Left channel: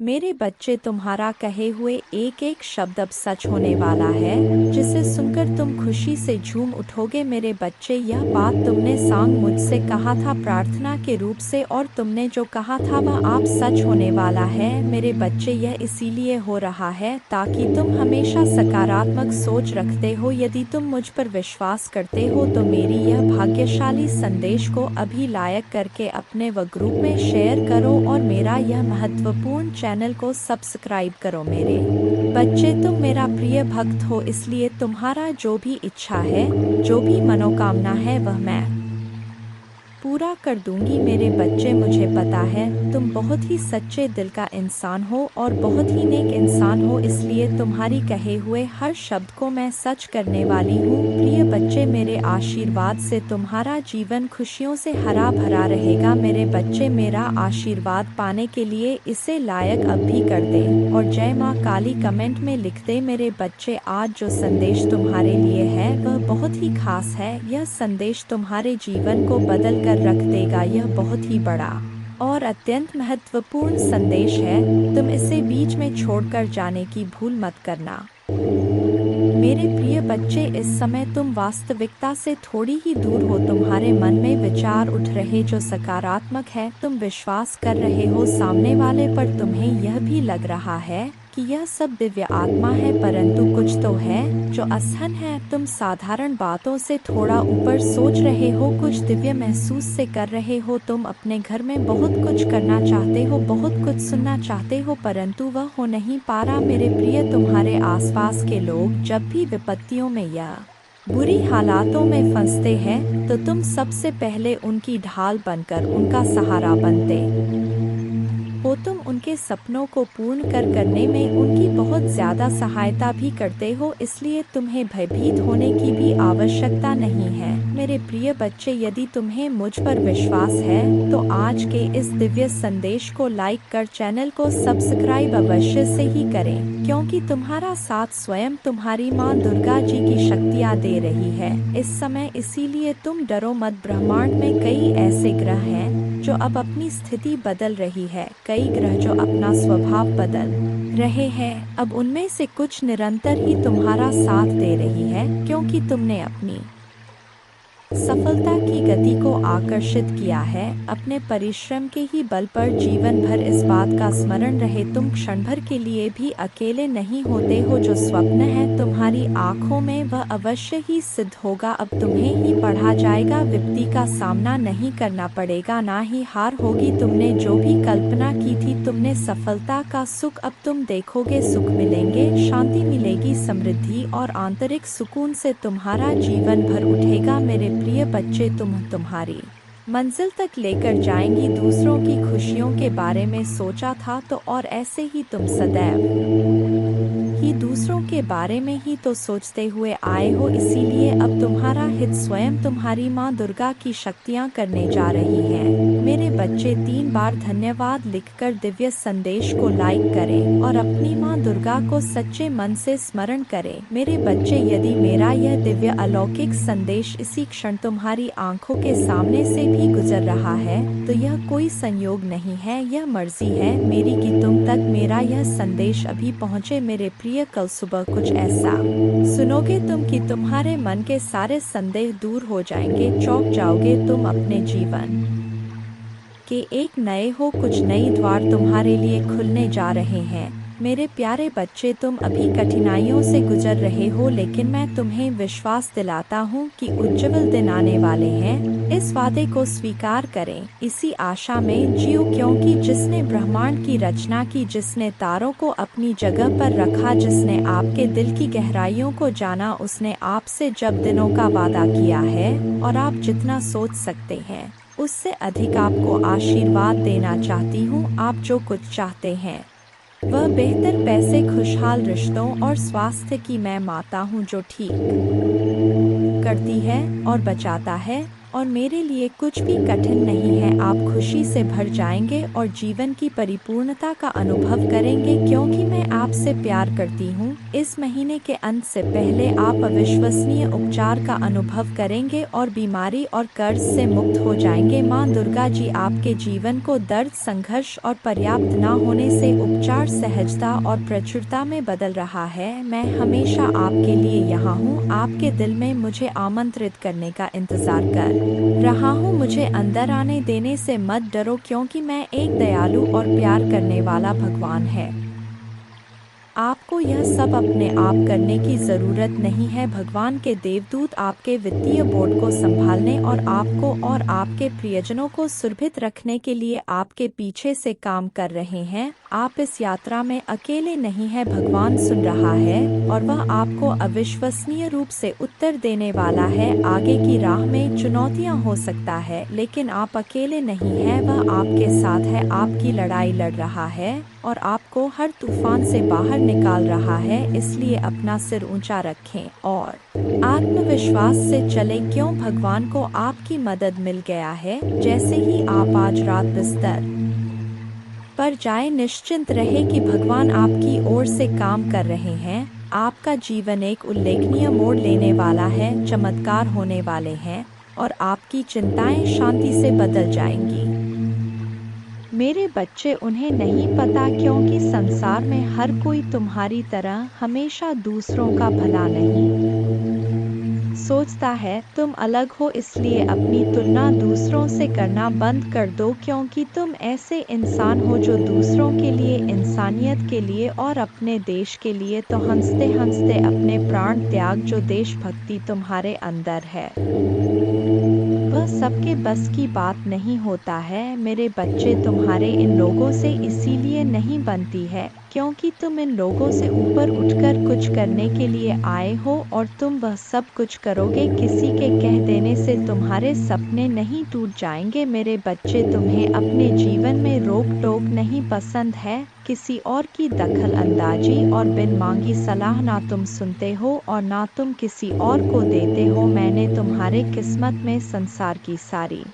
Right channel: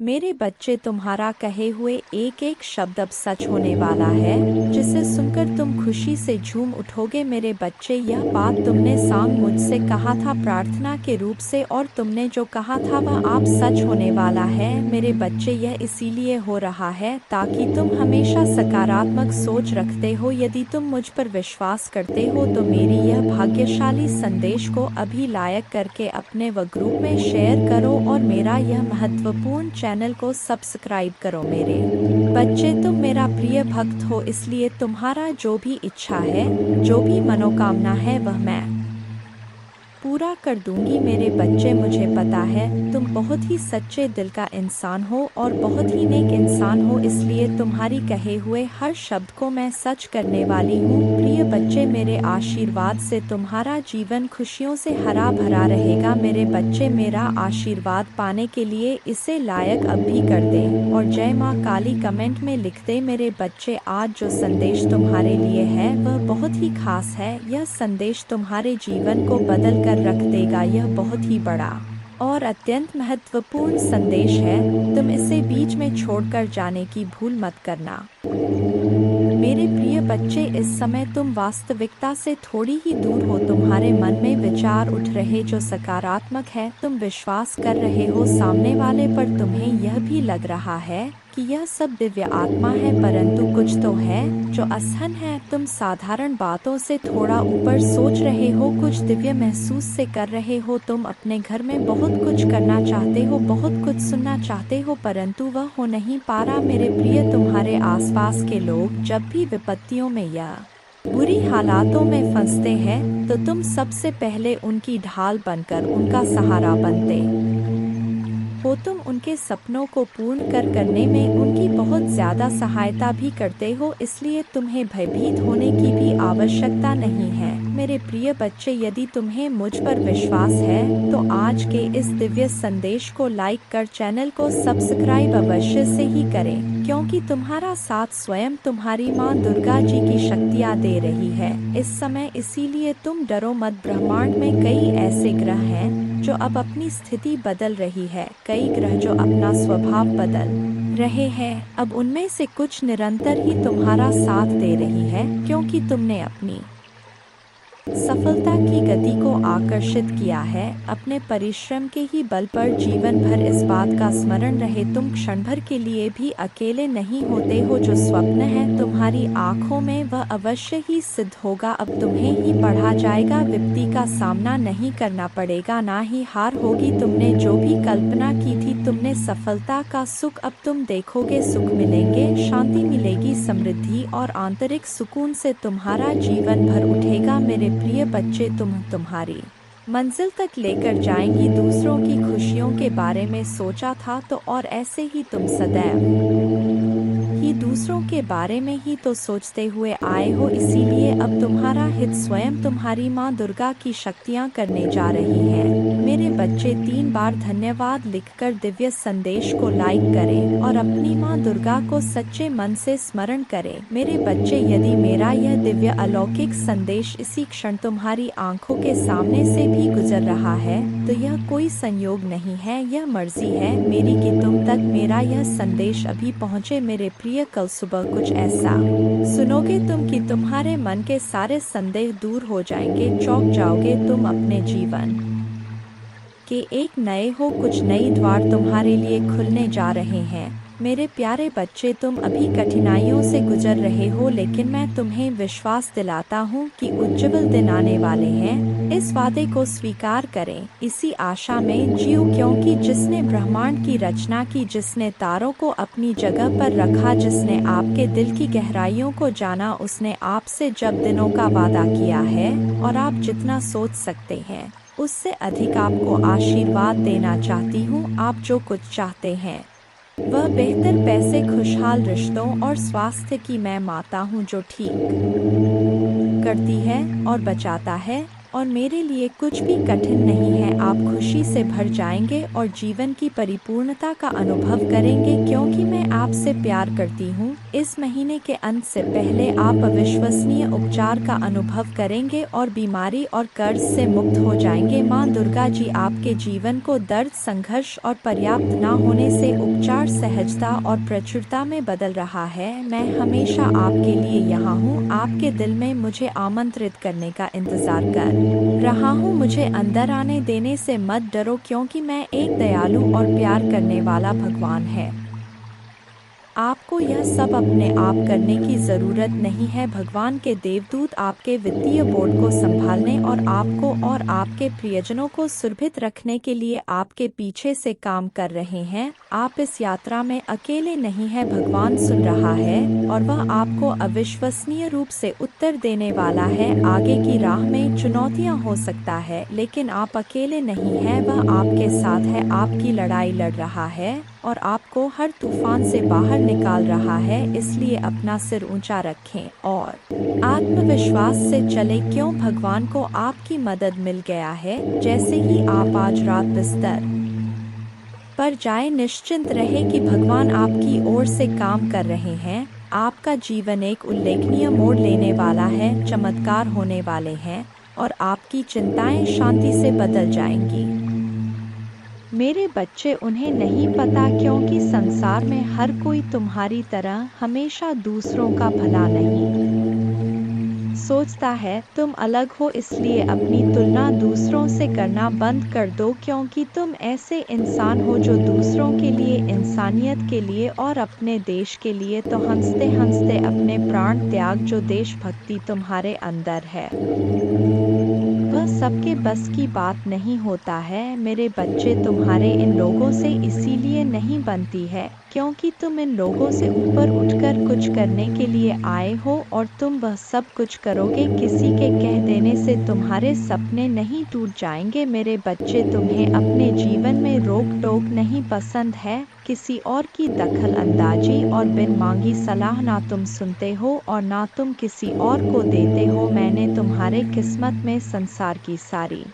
मेरे बच्चे, तुम्हारा कहे हुए एक एक शब्द अब सच होने वाला है, जिसे सुनकर तुम खुशी से झूम उठोगे। मेरे बच्चे, यह बात तुमने सांग मुझसे कहा था प्रार्थना के रूप से, और तुमने जो कहा था वह आप सच होने वाला है। मेरे बच्चे, यह इसीलिए हो रहा है ताकि तुम हमेशा सकारात्मक सोच रखते हो। यदि तुम मुझ पर विश्वास करते हो तो मेरी यह भाग्यशाली संदेश को अभी लाइक करके अपने व ग्रुप में शेयर करो और मेरा यह महत्वपूर्ण चैनल को सब्सक्राइब करो। मेरे बच्चे, तुम मेरा प्रिय भक्त हो, इसलिए तुम्हारा जो भी इच्छा है, जो भी मनोकामना है, वह मैं पूरा कर दूंगी। मेरे बच्चे, मुझे पता है तुम बहुत ही सच्चे दिल का इंसान हो और बहुत ही नेक इंसान हो, इसलिए तुम्हारी कहे हुए हर शब्द को मैं सच करने वाली हूँ। प्रिय बच्चे, मेरे आशीर्वाद से तुम्हारा जीवन खुशियों से हरा भरा रहेगा। मेरे बच्चे, मेरा आशीर्वाद पाने के लिए इसे लायक अब भी कर दे और जय माँ काली कमेंट में लिख दे। मेरे बच्चे, आज जो संदेश तुम्हारे लिए है वह बहुत ही खास है। यह संदेश तुम्हारे जीवन को बदल कर रख देगा। यह बहुत ही बड़ा और अत्यंत महत्वपूर्ण संदेश है। तुम इसे बीच में छोड़कर जाने की भूल मत करना। मेरे प्रिय बच्चे, इस समय तुम वास्तविकता से थोड़ी ही दूर हो। तुम्हारे मन में विचार उठ रहे जो सकारात्मक है। तुम विश्वास कर रहे हो सामने वाले पर। तुम्हें यह भी लग रहा है कि यह सब दिव्य आत्मा है, परंतु कुछ तो है जो असहन है। तुम साधारण बातों से थोड़ा ऊपर सोच रहे हो, कुछ दिव्य महसूस से कर रहे हो। तुम अपने घर में बहुत कुछ करना चाहते हो, बहुत कुछ सुनना चाहते हो, परंतु वह हो नहीं पा रहा। मेरे प्रिय, तुम्हारे आसपास के लोग जब भी विपत्तियों में या बुरी हालातों में फंसते हैं तो तुम सबसे पहले उनकी ढाल बनकर उनका सहारा बनते हो। तुम उनके सपनों को पूर्ण करने में उनकी बहुत ज्यादा सहायता भी करते हो, इसलिए तुम्हें भयभीत होने की भी आवश्यकता नहीं है। मेरे प्रिय बच्चे, यदि तुम्हें मुझ पर विश्वास है तो आज के इस दिव्य संदेश को लाइक कर चैनल को सब्सक्राइब अवश्य से ही करें, क्योंकि तुम्हारा साथ स्वयं तुम्हारी माँ दुर्गा जी की शक्तियाँ दे रही है इस समय। इसीलिए तुम डरो मत। ब्रह्मांड में कई ऐसे ग्रह हैं जो अब अपनी स्थिति बदल रही है, कई ग्रह जो अपना स्वभाव बदल रहे हैं। अब उनमें से कुछ निरंतर ही तुम्हारा साथ दे रही है, क्योंकि तुमने अपनी सफलता की गति को आकर्षित किया है। अपने परिश्रम के ही बल पर जीवन भर इस बात का स्मरण रहे, तुम क्षण भर के लिए भी अकेले नहीं होते हो। जो स्वप्न है तुम्हारी आंखों में वह अवश्य ही सिद्ध होगा। अब तुम्हें ही पढ़ा जाएगा, विपत्ति का सामना नहीं करना पड़ेगा, ना ही हार होगी। तुमने जो भी कल्पना की थी, तुमने सफलता का सुख अब तुम देखोगे। सुख मिलेंगे, शांति मिलेगी, समृद्धि और आंतरिक सुकून से तुम्हारा जीवन भर उठेगा। मेरे प्रिय बच्चे, तुम्हारी मंजिल तक लेकर जाएंगी। दूसरों की खुशियों के बारे में सोचा था तो और ऐसे ही तुम सदैव ही दूसरों के बारे में ही तो सोचते हुए आए हो, इसीलिए अब तुम्हारा हित स्वयं तुम्हारी माँ दुर्गा की शक्तियाँ करने जा रही हैं। मेरे बच्चे, 3 बार धन्यवाद लिखकर दिव्य संदेश को लाइक करें और अपनी माँ दुर्गा को सच्चे मन से स्मरण करें। मेरे बच्चे, यदि मेरा यह दिव्य अलौकिक संदेश इसी क्षण तुम्हारी आंखों के सामने से भी गुजर रहा है तो यह कोई संयोग नहीं है, यह मर्जी है मेरी कि तुम तक मेरा यह संदेश अभी पहुँचे। मेरे प्रिय, कल सुबह कुछ ऐसा सुनोगे तुम कि तुम्हारे मन के सारे संदेह दूर हो जाएंगे, चौंक जाओगे तुम। अपने जीवन के एक नए हो, कुछ नई द्वार तुम्हारे लिए खुलने जा रहे हैं। मेरे प्यारे बच्चे, तुम अभी कठिनाइयों से गुजर रहे हो, लेकिन मैं तुम्हें विश्वास दिलाता हूँ कि उज्जवल दिन आने वाले हैं। इस वादे को स्वीकार करें, इसी आशा में जियो, क्योंकि जिसने ब्रह्मांड की रचना की, जिसने तारों को अपनी जगह पर रखा, जिसने आपके दिल की गहराइयों को जाना, उसने आपसे जब दिनों का वादा किया है और आप जितना सोच सकते हैं उससे अधिक आपको आशीर्वाद देना चाहती हूँ। आप जो कुछ चाहते हैं वह बेहतर पैसे, खुशहाल रिश्तों और स्वास्थ्य की मैं माता हूँ, जो ठीक करती है और बचाता है और मेरे लिए कुछ भी कठिन नहीं है। आप खुशी से भर जाएंगे और जीवन की परिपूर्णता का अनुभव करेंगे क्योंकि मैं आपसे प्यार करती हूँ। इस महीने के अंत से पहले आप अविश्वसनीय उपचार का अनुभव करेंगे और बीमारी और कर्ज से मुक्त हो जाएंगे। माँ दुर्गा जी आपके जीवन को दर्द, संघर्ष और पर्याप्त न होने से उपचार, सहजता और प्रचुरता में बदल रहा है। मैं हमेशा आपके लिए यहाँ हूँ, आपके दिल में मुझे आमंत्रित करने का इंतजार कर रहा हूँ। मुझे अंदर आने देने से मत डरो क्योंकि मैं एक दयालु और प्यार करने वाला भगवान है। आपको यह सब अपने आप करने की ज़रूरत नहीं है। भगवान के देवदूत आपके वित्तीय बोर्ड को संभालने और आपको और आपके प्रियजनों को सुरक्षित रखने के लिए आपके पीछे से काम कर रहे हैं। आप इस यात्रा में अकेले नहीं हैं। भगवान सुन रहा है और वह आपको अविश्वसनीय रूप से उत्तर देने वाला है। आगे की राह में चुनौतियां हो सकता है, लेकिन आप अकेले नहीं हैं। वह आपके साथ है, आपकी लड़ाई लड़ रहा है और आपको हर तूफान से बाहर निकाल रहा है। इसलिए अपना सिर ऊंचा रखें और आत्मविश्वास से चले क्यों भगवान को आपकी मदद मिल गया है। जैसे ही आप आज रात बिस्तर पर जाए, निश्चिंत रहे कि भगवान आपकी ओर से काम कर रहे हैं। आपका जीवन एक उल्लेखनीय मोड़ लेने वाला है, चमत्कार होने वाले हैं और आपकी चिंताएं शांति से बदल जाएंगी। मेरे बच्चे, उन्हें नहीं पता क्योंकि संसार में हर कोई तुम्हारी तरह हमेशा दूसरों का भला नहीं सोचता है। तुम अलग हो, इसलिए अपनी तुलना दूसरों से करना बंद कर दो क्योंकि तुम ऐसे इंसान हो जो दूसरों के लिए, इंसानियत के लिए और अपने देश के लिए तो हंसते हंसते अपने प्राण त्याग। जो देशभक्ति तुम्हारे अंदर है वह सबके बस की बात नहीं होता है। मेरे बच्चे, तुम्हारे इन लोगों से इसीलिए नहीं बनती है क्योंकि तुम इन लोगों से ऊपर उठकर कुछ करने के लिए आए हो और तुम वह सब कुछ करोगे। किसी के कह देने से तुम्हारे सपने नहीं टूट जाएंगे। मेरे बच्चे, तुम्हें अपने जीवन में रोक टोक नहीं पसंद है, किसी और की दखल अंदाजी और बिन मांगी सलाह ना तुम सुनते हो और ना तुम किसी और को देते हो। मैंने तुम्हारे किस्मत में संसार की सारी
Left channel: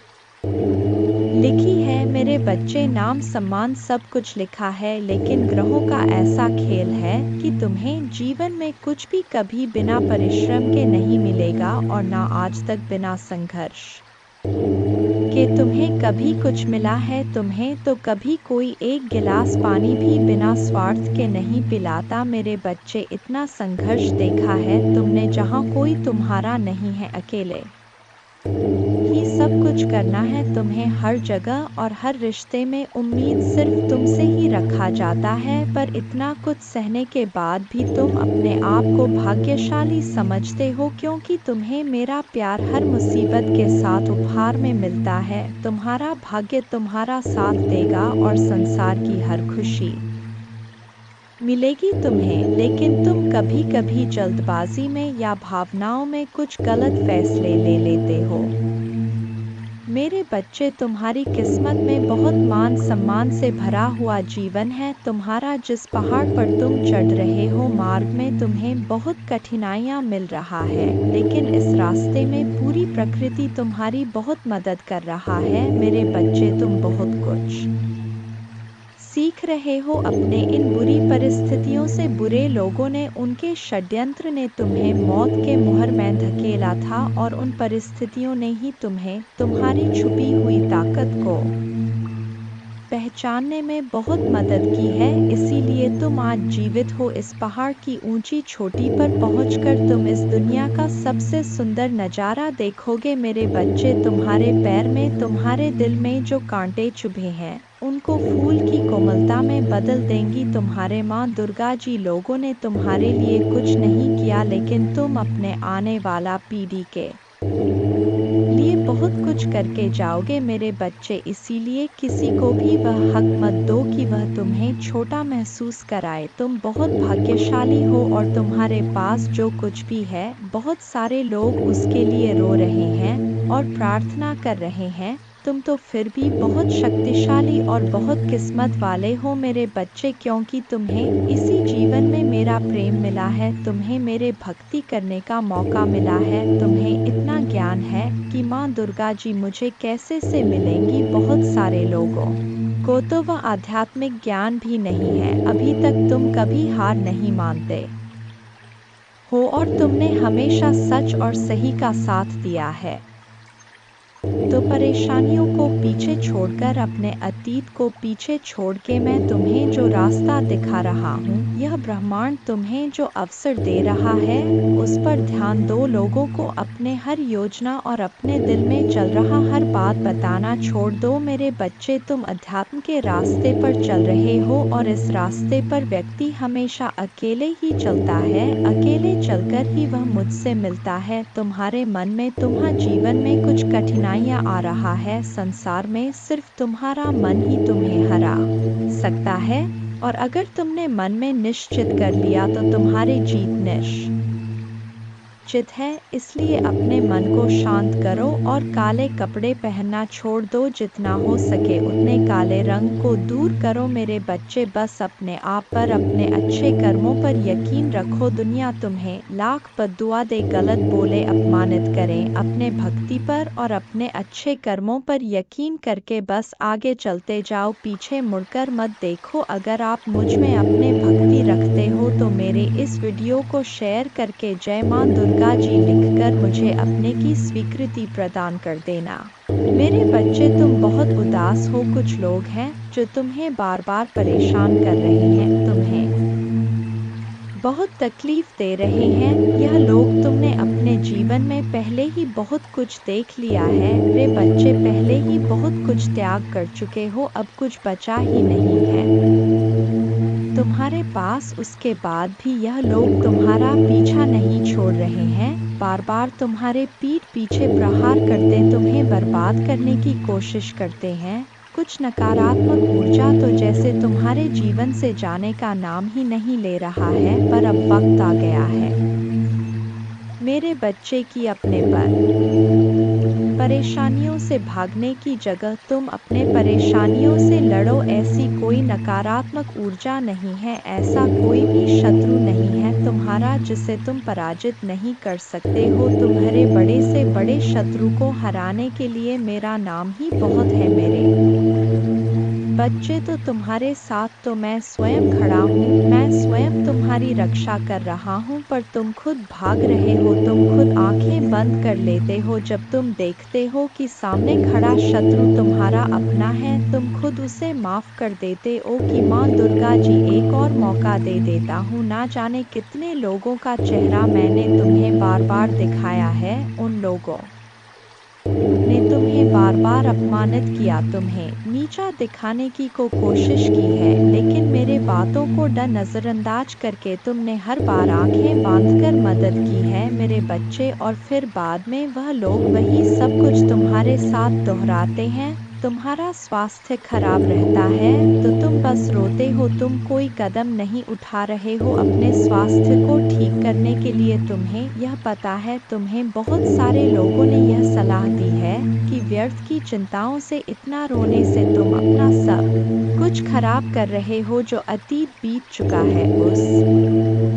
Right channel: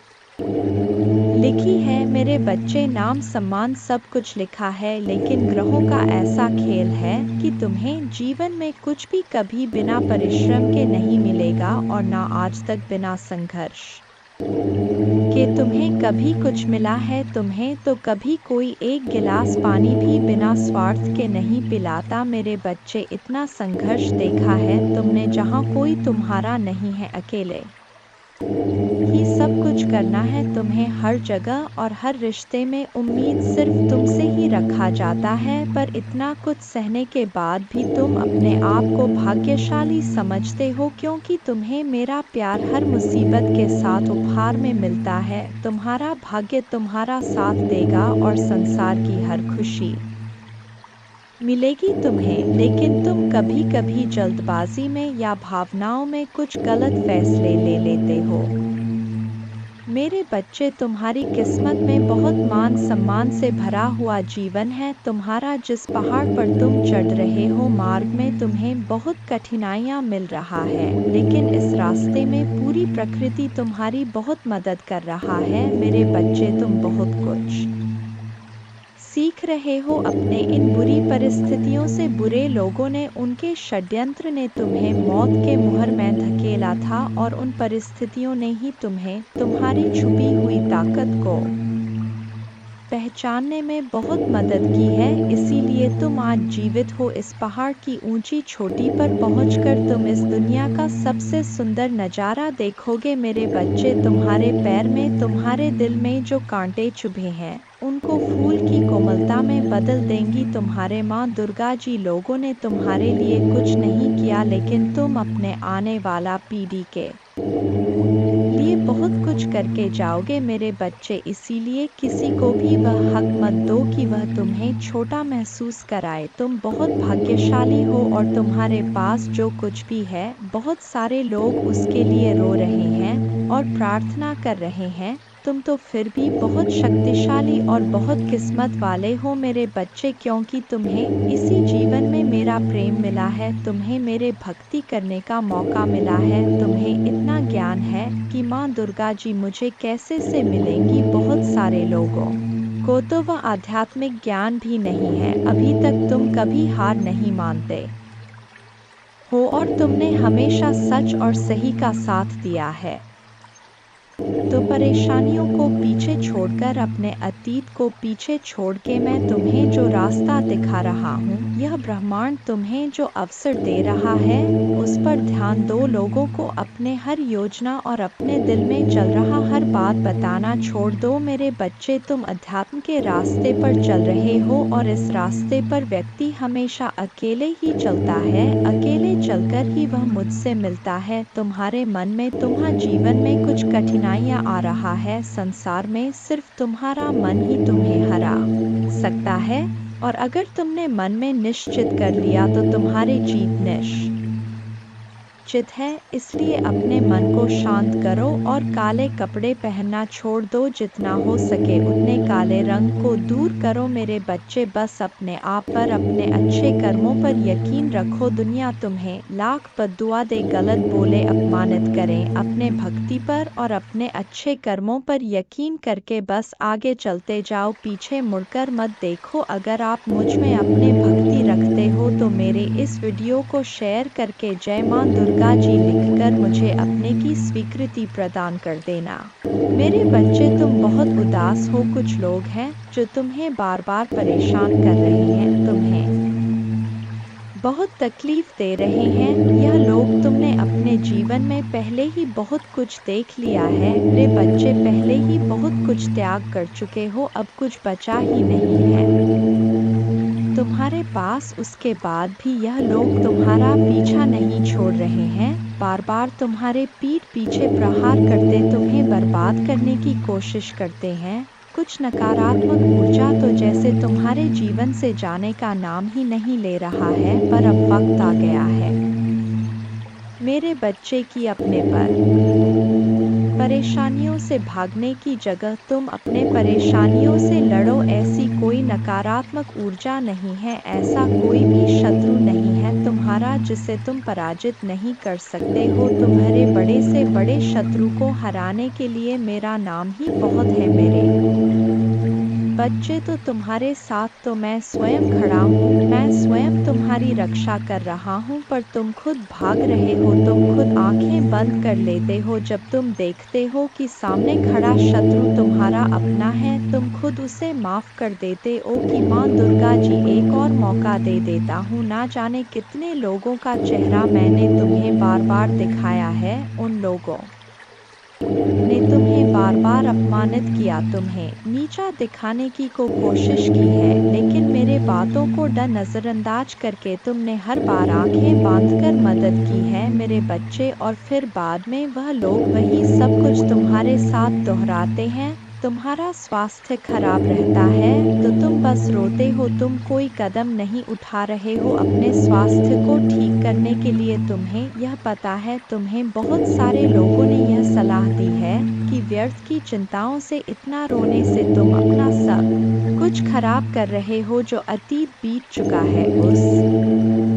लिखी है मेरे बच्चे, नाम सम्मान सब कुछ लिखा है, लेकिन ग्रहों का ऐसा खेल है कि तुम्हें जीवन में कुछ भी कभी बिना परिश्रम के नहीं मिलेगा और ना आज तक बिना संघर्ष के तुम्हें कभी कुछ मिला है। तुम्हें तो कभी कोई एक गिलास पानी भी बिना स्वार्थ के नहीं पिलाता। मेरे बच्चे, इतना संघर्ष देखा है तुमने जहाँ कोई तुम्हारा नहीं है, अकेले ही सब कुछ करना है तुम्हें। हर जगह और हर रिश्ते में उम्मीद सिर्फ तुमसे ही रखा जाता है, पर इतना कुछ सहने के बाद भी तुम अपने आप को भाग्यशाली समझते हो क्योंकि तुम्हें मेरा प्यार हर मुसीबत के साथ उपहार में मिलता है। तुम्हारा भाग्य तुम्हारा साथ देगा और संसार की हर खुशी मिलेगी तुम्हें, लेकिन तुम कभी कभी जल्दबाजी में या भावनाओं में कुछ गलत फैसले ले लेते हो। मेरे बच्चे, तुम्हारी किस्मत में बहुत मान सम्मान से भरा हुआ जीवन है। तुम्हारा जिस पहाड़ पर तुम चढ़ रहे हो, मार्ग में तुम्हें बहुत कठिनाइयाँ मिल रहा है, लेकिन इस रास्ते में पूरी प्रकृति तुम्हारी बहुत मदद कर रहा है। मेरे बच्चे, तुम बहुत कुछ सीख रहे हो अपने इन बुरी परिस्थितियों से। बुरे लोगों ने, उनके षड्यंत्र ने तुम्हें मौत के मुहर में धकेला था और उन परिस्थितियों ने ही तुम्हें तुम्हारी छुपी हुई ताकत को पहचानने में बहुत मदद की है। इसीलिए तुम आज जीवित हो। इस पहाड़ की ऊंची चोटी पर पहुंचकर तुम इस दुनिया का सबसे सुंदर नज़ारा देखोगे। मेरे बच्चे, तुम्हारे पैर में, तुम्हारे दिल में जो कांटे चुभे हैं, उनको फूल की कोमलता में बदल देंगी तुम्हारे माँ दुर्गा जी। लोगों ने तुम्हारे लिए कुछ नहीं किया, लेकिन तुम अपने आने वाला पीढ़ी के लिए बहुत कुछ करके जाओगे मेरे बच्चे। इसीलिए किसी को भी वह हक मत दो कि वह तुम्हें छोटा महसूस कराए। तुम बहुत भाग्यशाली हो और तुम्हारे पास जो कुछ भी है, बहुत सारे लोग उसके लिए रो रहे हैं और प्रार्थना कर रहे हैं, तुम तो फिर भी बहुत शक्तिशाली और बहुत किस्मत वाले हो मेरे बच्चे, क्योंकि तुम्हें इसी जीवन में मेरा प्रेम मिला है, तुम्हें मेरे भक्ति करने का मौका मिला है, तुम्हें इतना ज्ञान है कि माँ दुर्गा जी मुझे कैसे से मिलेंगी। बहुत सारे लोगों को तो वह आध्यात्मिक ज्ञान भी नहीं है। अभी तक तुम कभी हार नहीं मानते हो और तुमने हमेशा सच और सही का साथ दिया है। तो परेशानियों को पीछे छोड़कर, अपने अतीत को पीछे छोड़ के मैं तुम्हें जो रास्ता दिखा रहा हूँ, यह ब्रह्मांड तुम्हें जो अवसर दे रहा है, उस पर ध्यान दो। लोगों को अपने हर योजना और अपने दिल में चल रहा हर बात बताना छोड़ दो मेरे बच्चे। तुम अध्यात्म के रास्ते पर चल रहे हो और इस रास्ते पर व्यक्ति हमेशा अकेले ही चलता है, अकेले चलकर ही वह मुझसे मिलता है। तुम्हारे मन में, तुम्हारे जीवन में कुछ कठिनाइयाँ आ रहा है, संसार में सिर्फ तुम्हारा मन ही तुम्हें हरा सकता है, और अगर तुमने मन में निश्चित कर लिया तो तुम्हारी जीत निश्चित है। इसलिए अपने मन को शांत करो और काले कपड़े पहनना छोड़ दो। जितना हो सके उतने काले रंग को दूर करो मेरे बच्चे। बस अपने आप पर, अपने अच्छे कर्मों पर यकीन रखो। दुनिया तुम्हें लाख बद्दुआ दे, गलत बोले, अपमानित करें, अपने भक्ति पर और अपने अच्छे कर्मों पर यकीन करके बस आगे चलते जाओ, पीछे मुड़कर मत देखो। अगर आप मुझ में अपने भक्ति रखते हो तो मेरे इस वीडियो को शेयर करके जय माँ दुर्गा जी लिखकर मुझे अपने की स्वीकृति प्रदान कर देना। मेरे बच्चे तुम बहुत उदास हो। कुछ लोग हैं जो तुम्हें बार बार परेशान कर रहे हैं, तुम्हें बहुत तकलीफ दे रहे हैं। यह लोग तुमने अपने जीवन में पहले ही बहुत कुछ देख लिया है मेरे बच्चे, पहले ही बहुत कुछ त्याग कर चुके हो, अब कुछ बचा ही नहीं है तुम्हारे पास। उसके बाद भी यह लोग तुम्हारा पीछा नहीं छोड़ रहे हैं, बार बार तुम्हारे पीठ पीछे प्रहार करते तुम्हें बर्बाद करने की कोशिश करते हैं। कुछ नकारात्मक ऊर्जा तो जैसे तुम्हारे जीवन से जाने का नाम ही नहीं ले रहा है, पर अब वक्त आ गया है मेरे बच्चे की अपने पर परेशानियों से भागने की जगह तुम अपने परेशानियों से लड़ो। ऐसी कोई नकारात्मक ऊर्जा नहीं है, ऐसा कोई भी शत्रु नहीं है तुम्हारा जिसे तुम पराजित नहीं कर सकते हो। तुम्हारे बड़े से बड़े शत्रु को हराने के लिए मेरा नाम ही बहुत है मेरे बच्चे। तो तुम्हारे साथ तो मैं स्वयं खड़ा हूँ, मैं स्वयं तुम्हारी रक्षा कर रहा हूँ, पर तुम खुद भाग रहे हो, तुम खुद आंखें बंद कर लेते हो। जब तुम देखते हो कि सामने खड़ा शत्रु तुम्हारा अपना है, तुम खुद उसे माफ कर देते हो कि माँ दुर्गा जी एक और मौका दे देता हूँ। ना जाने कितने लोगों का चेहरा मैंने तुम्हें बार बार दिखाया है, उन लोगों ने तुम्हें बार बार अपमानित किया, तुम्हें नीचा दिखाने की कोशिश की है, लेकिन मेरे बातों को नजरअंदाज करके तुमने हर बार आंखें बांधकर मदद की है मेरे बच्चे। और फिर बाद में वह लोग वही सब कुछ तुम्हारे साथ दोहराते हैं। तुम्हारा स्वास्थ्य खराब रहता है तो तुम बस रोते हो, तुम कोई कदम नहीं उठा रहे हो अपने स्वास्थ्य को ठीक करने के लिए। तुम्हें यह पता है, तुम्हें बहुत सारे लोगों ने यह सलाह दी है कि व्यर्थ की चिंताओं से, इतना रोने से तुम अपना सब कुछ खराब कर रहे हो। जो अतीत बीत चुका है, उस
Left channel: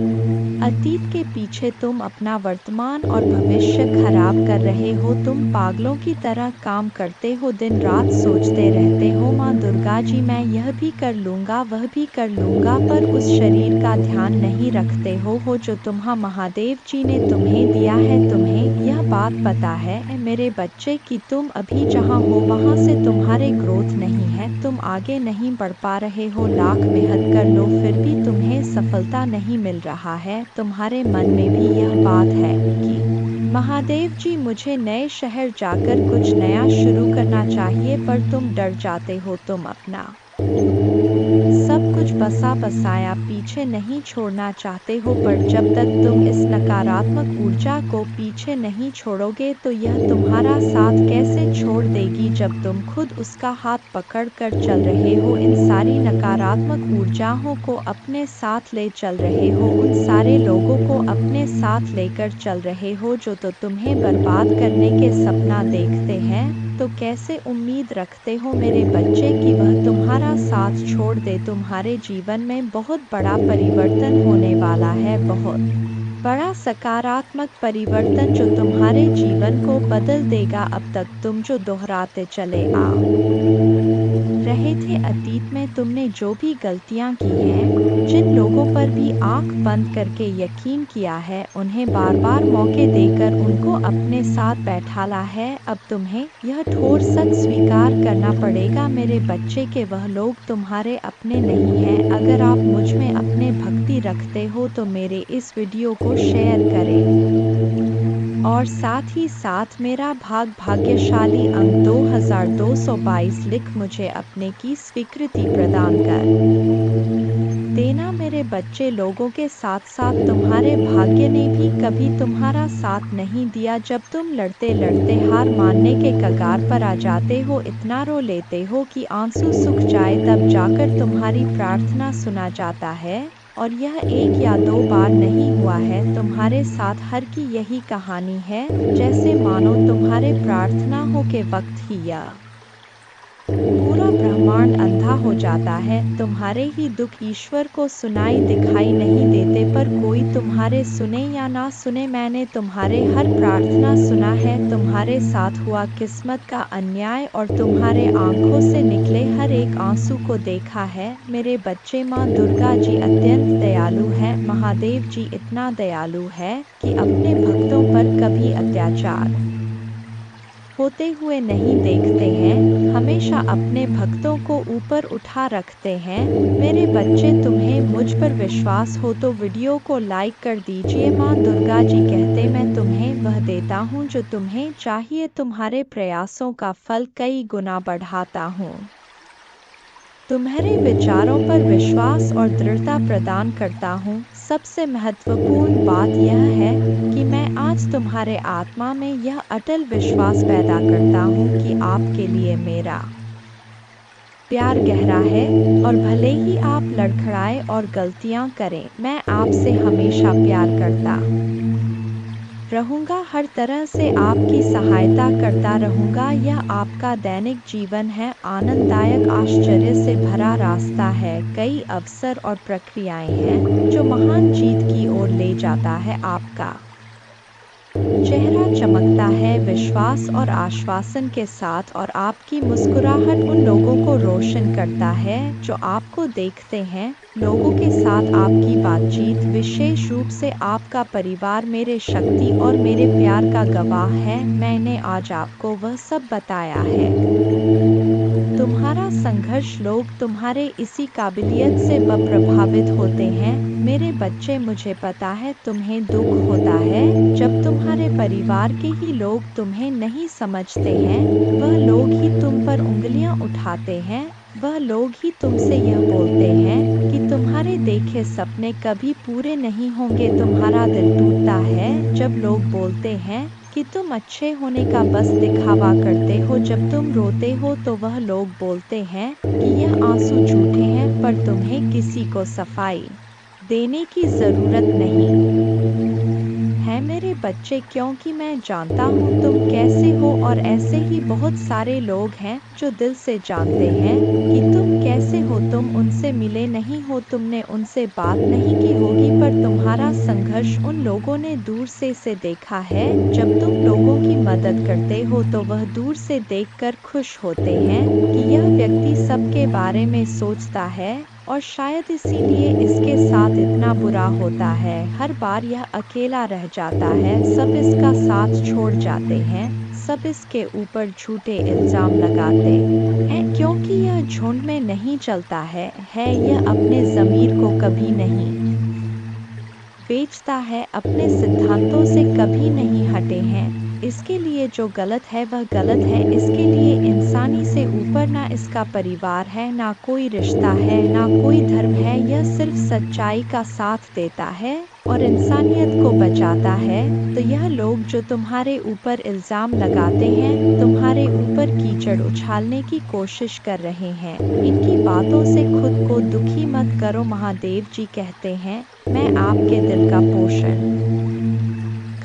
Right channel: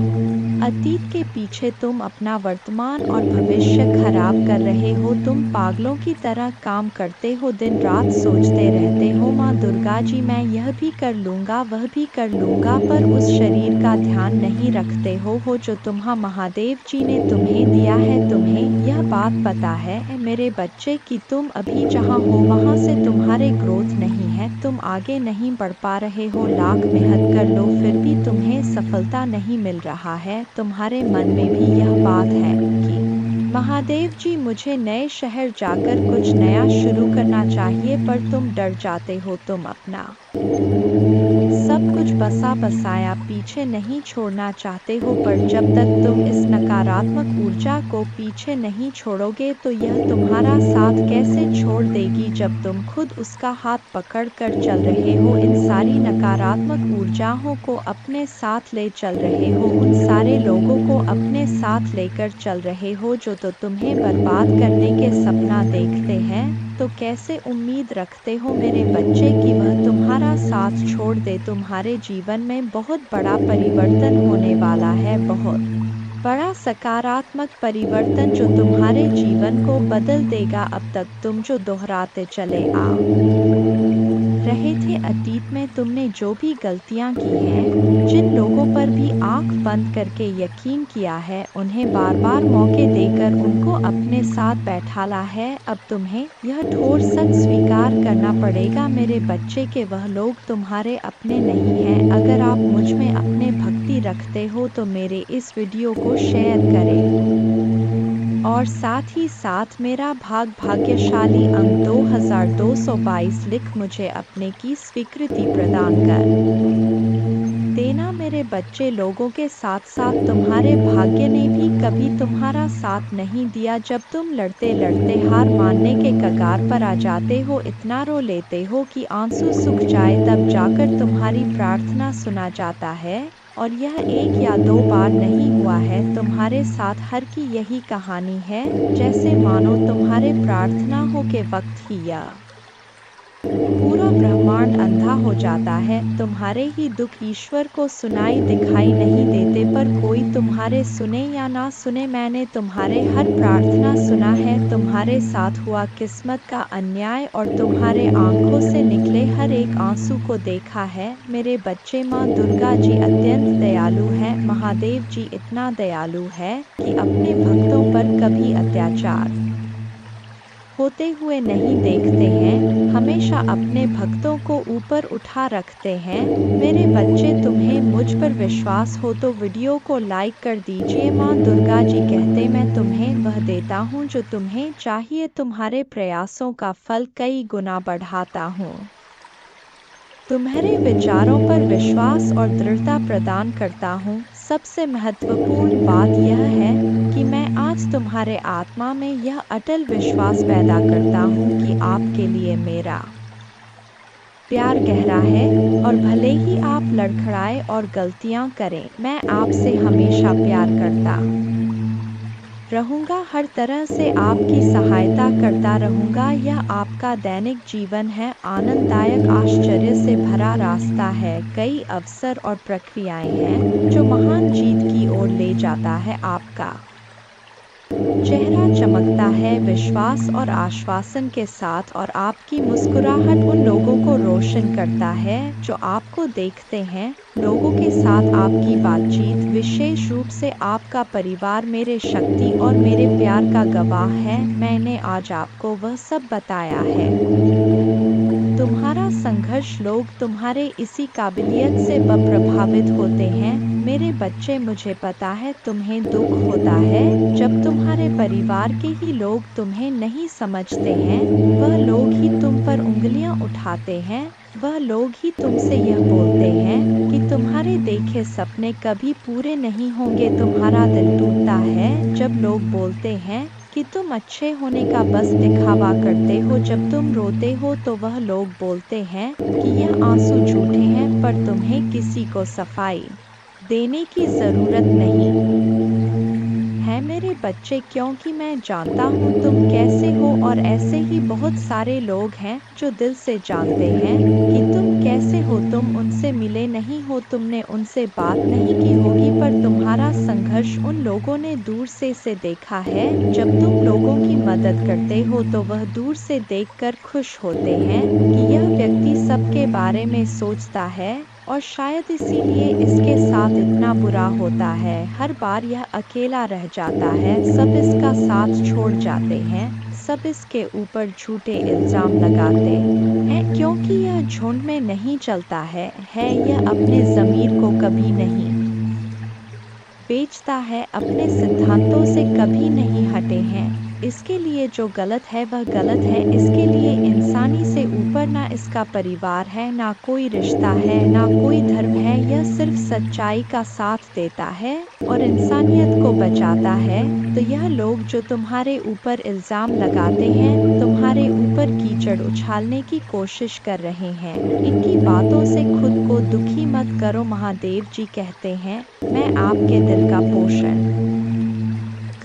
अतीत के पीछे तुम अपना वर्तमान और भविष्य खराब कर रहे हो। तुम पागलों की तरह काम करते हो, दिन रात सोचते रहते हो माँ दुर्गा जी मैं यह भी कर लूँगा, वह भी कर लूँगा, पर उस शरीर का ध्यान नहीं रखते हो जो तुम्हारा महादेव जी ने तुम्हें दिया है। तुम्हें यह बात पता है मेरे बच्चे कि तुम अभी जहाँ हो वहाँ से तुम्हारे ग्रोथ नहीं है, तुम आगे नहीं बढ़ पा रहे हो। लाख मेहनत कर लो फिर भी तुम्हें सफलता नहीं मिल रहा है। तुम्हारे मन में भी यह बात है कि महादेव जी मुझे नए शहर जाकर कुछ नया शुरू करना चाहिए, पर तुम डर जाते हो। तुम अपना सब कुछ बसा बसाया पीछे नहीं छोड़ना चाहते हो, पर जब तक तुम इस नकारात्मक ऊर्जा को पीछे नहीं छोड़ोगे तो यह तुम्हारा साथ कैसे छोड़ देगी, जब तुम खुद उसका हाथ पकड़ कर चल रहे हो। इन सारी नकारात्मक ऊर्जाओं को अपने साथ ले चल रहे हो, उन सारे लोगों को अपने साथ लेकर चल रहे हो जो तो तुम्हें बर्बाद करने के सपना देखते हैं। तो कैसे उम्मीद रखते हो मेरे बच्चे कि वह तुम्हारा साथ छोड़ दे। तुम्हारे जीवन में बहुत बड़ा परिवर्तन होने वाला है, बहुत बड़ा सकारात्मक परिवर्तन जो तुम्हारे जीवन को बदल देगा। अब तक तुम जो दोहराते चले आ रहे थे, अतीत में तुमने जो भी गलतियां की हैं, जिन लोगों पर भी आंख बंद करके यकीन किया है, उन्हें बार बार मौके देकर उनको अपने साथ बैठाला है। अब तुम्हें यह ठोस सच स्वीकार करना पड़ेगा मेरे बच्चे के वह लोग तुम्हारे अपने नहीं हैं। अगर आप मुझ में अपने भक्ति रखते हो तो मेरे इस वीडियो को शेयर करें और साथ ही साथ मेरा भाग्यशाली अंक 2222 लिख मुझे अपने की स्वीकृति प्रदान कर देना मेरे बच्चे। लोगों के साथ साथ तुम्हारे भाग्य ने भी कभी तुम्हारा साथ नहीं दिया। जब तुम लड़ते लड़ते हार मानने के कगार पर आ जाते हो, इतना रो लेते हो कि आंसू सूख जाए, तब जाकर तुम्हारी प्रार्थना सुना जाता है। और यह 1 या 2 बार नहीं हुआ है, तुम्हारे साथ हर की यही कहानी है। जैसे मानो तुम्हारे प्रार्थना हो के वक्त ही यह पूरा ब्रह्मांड अंधा हो जाता है। तुम्हारे ही दुख ईश्वर को सुनाई दिखाई नहीं देते, पर कोई तुम्हारे सुने या ना सुने, मैंने तुम्हारे हर प्रार्थना सुना है। तुम्हारे साथ हुआ किस्मत का अन्याय और तुम्हारे आंखों से निकले हर एक आंसू को देखा है मेरे बच्चे। माँ दुर्गा जी अत्यंत दयालु है। महादेव जी इतना दयालु है कि अपने भक्तों पर कभी अत्याचार होते हुए नहीं देखते हैं, हमेशा अपने भक्तों को ऊपर उठा रखते हैं। मेरे बच्चे, तुम्हें मुझ पर विश्वास हो तो वीडियो को लाइक कर दीजिए। माँ दुर्गा जी कहते, मैं तुम्हें वह देता हूँ जो तुम्हें चाहिए, तुम्हारे प्रयासों का फल कई गुना बढ़ाता हूँ। तुम्हारे विचारों पर विश्वास और दृढ़ता प्रदान करता हूँ। सबसे महत्वपूर्ण बात यह है कि मैं आज तुम्हारे आत्मा में यह अटल विश्वास पैदा करता हूँ कि आपके लिए मेरा प्यार गहरा है, और भले ही आप लड़खड़ाए और गलतियाँ करें, मैं आपसे हमेशा प्यार करता रहूंगा। हर तरह से आपकी सहायता करता रहूंगा। यह आपका दैनिक जीवन है, आनंददायक, आश्चर्य से भरा रास्ता है। कई अवसर और प्रक्रियाएं हैं जो महान जीत की ओर ले जाता है। आपका चेहरा चमकता है विश्वास और आश्वासन के साथ, और आपकी मुस्कुराहट उन लोगों को रोशन करता है जो आपको देखते हैं। लोगों के साथ आपकी बातचीत, विशेष रूप से आपका परिवार, मेरे शक्ति और मेरे प्यार का गवाह है। मैंने आज आपको वह सब बताया है। तुम्हारा संघर्ष, लोग तुम्हारे इसी काबिलियत से प्रभावित होते हैं मेरे बच्चे। मुझे पता है तुम्हें दुख होता है जब तुम्हारे परिवार के ही लोग तुम्हें नहीं समझते हैं। वह लोग ही तुम पर उंगलियां उठाते हैं, वह लोग ही तुमसे यह बोलते हैं कि तुम्हारे देखे सपने कभी पूरे नहीं होंगे। तुम्हारा दिल टूटता है जब लोग बोलते हैं कि तुम अच्छे होने का बस दिखावा करते हो। जब तुम रोते हो तो वह लोग बोलते हैं कि यह आंसू झूठे हैं, पर तुम्हें किसी को सफाई देने की जरूरत नहीं है मेरे बच्चे, क्योंकि मैं जानता हूँ तुम कैसे हो। और ऐसे ही बहुत सारे लोग हैं जो दिल से जानते हैं कि तुम कैसे हो। तुम उनसे मिले नहीं हो, तुमने उनसे बात नहीं की होगी, पर तुम्हारा संघर्ष उन लोगों ने दूर से देखा है। जब तुम लोगों की मदद करते हो तो वह दूर से देखकर खुश होते हैं कि यह व्यक्ति सबके बारे में सोचता है, और शायद इसीलिए इसके साथ इतना बुरा होता है। हर बार यह अकेला रह जाता है, सब इसका साथ छोड़ जाते हैं, सब इसके ऊपर झूठे इल्जाम लगाते हैं, क्योंकि यह झुंड में नहीं चलता है। यह अपने ज़मीर को कभी नहीं बेचता है, अपने सिद्धांतों से कभी नहीं हटे हैं। इसके लिए जो गलत है वह गलत है। इसके लिए इंसानी से ऊपर ना इसका परिवार है, ना कोई रिश्ता है, ना कोई धर्म है। यह सिर्फ सच्चाई का साथ देता है और इंसानियत को बचाता है। तो यह लोग जो तुम्हारे ऊपर इल्ज़ाम लगाते हैं, तुम्हारे ऊपर कीचड़ उछालने की कोशिश कर रहे हैं, इनकी बातों से खुद को दुखी मत करो। महादेव जी कहते हैं, मैं आपके दिल का पोषण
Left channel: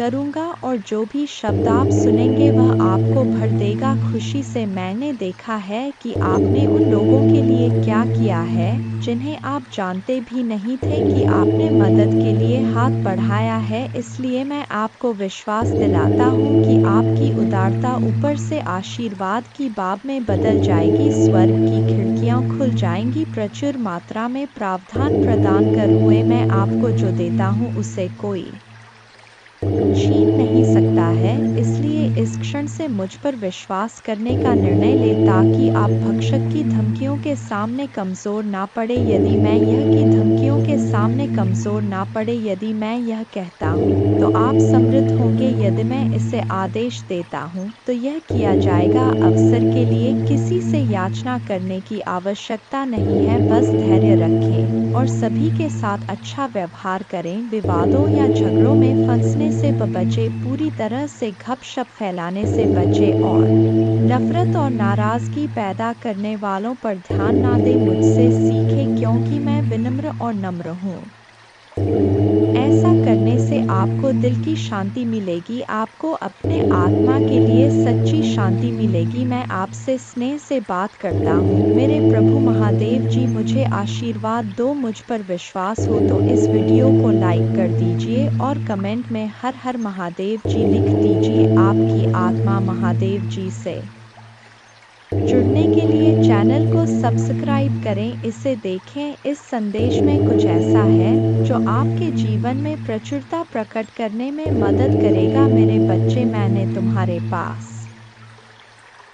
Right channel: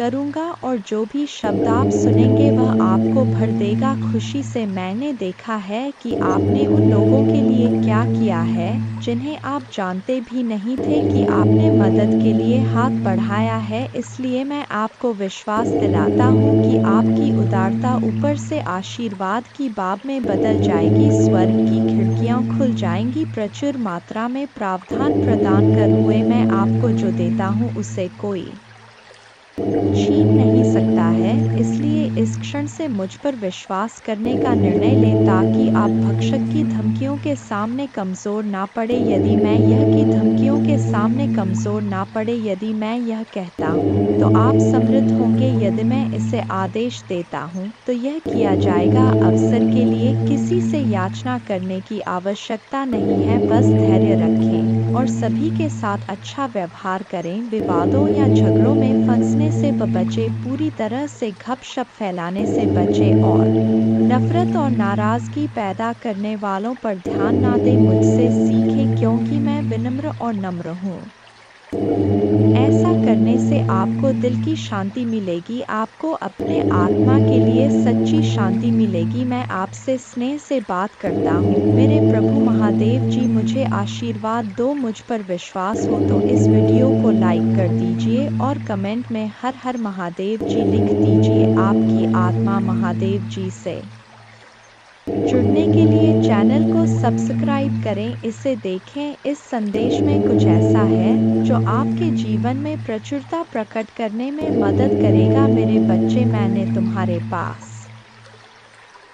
करूँगा और जो भी शब्द आप सुनेंगे वह आपको भर देगा खुशी से। मैंने देखा है कि आपने उन लोगों के लिए क्या किया है जिन्हें आप जानते भी नहीं थे कि आपने मदद के लिए हाथ बढ़ाया है। इसलिए मैं आपको विश्वास दिलाता हूँ कि आपकी उदारता ऊपर से आशीर्वाद की बाब में बदल जाएगी। स्वर्ग की खिड़कियाँ खुल जाएंगी, प्रचुर मात्रा में प्रावधान प्रदान कर हुए मैं आपको जो देता हूँ उसे कोई छीन नहीं सकता है। इसलिए इस क्षण से मुझ पर विश्वास करने का निर्णय लें ताकि आप भक्षक की धमकियों के सामने कमज़ोर ना पड़े। यदि मैं यह की धमकियों के सामने कमज़ोर ना पड़े, यदि मैं यह कहता हूँ तो आप समृद्ध होंगे, यदि मैं इसे आदेश देता हूँ तो यह किया जाएगा। अवसर के लिए किसी से याचना करने की आवश्यकता नहीं है, बस धैर्य रखें और सभी के साथ अच्छा व्यवहार करें। विवादों या झगड़ों में फंसने से बचे, पूरी तरह से गपशप फैलाने से बचे और नफरत और नाराजगी पैदा करने वालों पर ध्यान ना दें। मुझसे सीखें क्योंकि मैं विनम्र और नम्र हूँ। ऐसा करने से आपको दिल की शांति मिलेगी, आपको अपने आत्मा के लिए सच्ची शांति मिलेगी। मैं आपसे स्नेह से बात करता हूँ। मेरे प्रभु महादेव जी मुझे आशीर्वाद दो। मुझ पर विश्वास हो तो इस वीडियो को लाइक कर दीजिए और कमेंट में हर हर महादेव जी लिख दीजिए। आपकी आत्मा महादेव जी से जुड़ने के लिए चैनल को सब्सक्राइब करें, इसे देखें। इस संदेश में कुछ ऐसा है जो आपके जीवन में प्रचुरता प्रकट करने में मदद करेगा। मेरे बच्चे, मैंने तुम्हारे पास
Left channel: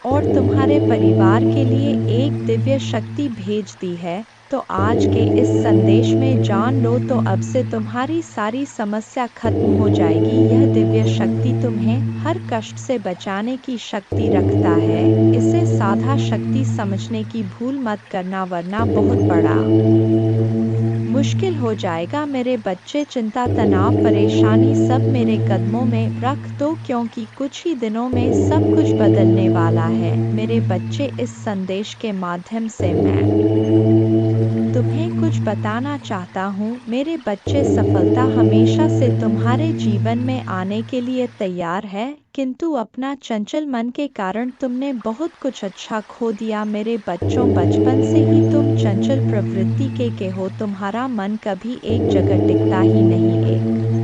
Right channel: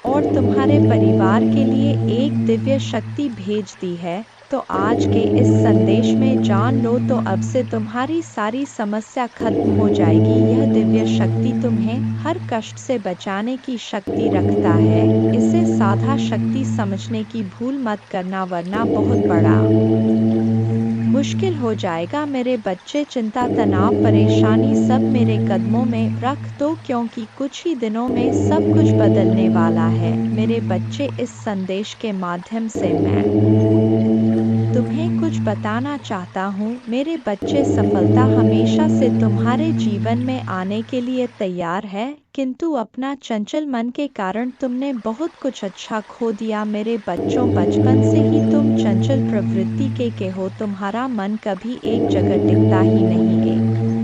और तुम्हारे परिवार के लिए एक दिव्य शक्ति भेज दी है, तो आज के इस संदेश में जान लो तो अब से तुम्हारी सारी समस्या खत्म हो जाएगी। यह दिव्य शक्ति तुम्हें हर कष्ट से बचाने की शक्ति रखता है। इसे साधा शक्ति समझने की भूल मत करना, वरना बहुत बड़ा मुश्किल हो जाएगा। मेरे बच्चे, चिंता, तनाव, परेशानी सब मेरे कदमों में रख दो, क्योंकि कुछ ही दिनों में सब कुछ बदलने वाला है। मेरे बच्चे, इस संदेश के माध्यम से मैं तुम्हें कुछ बताना चाहता हूँ। मेरे बच्चे, सफलता हमेशा से तुम्हारे जीवन में आने के लिए तैयार है, किंतु अपना चंचल मन के कारण तुमने बहुत कुछ अच्छा खो दिया। मेरे बच्चों, बचपन से ही तुम चंचल प्रवृत्ति के हो। तुम्हारा मन कभी एक जगह टिकता ही नहीं, एक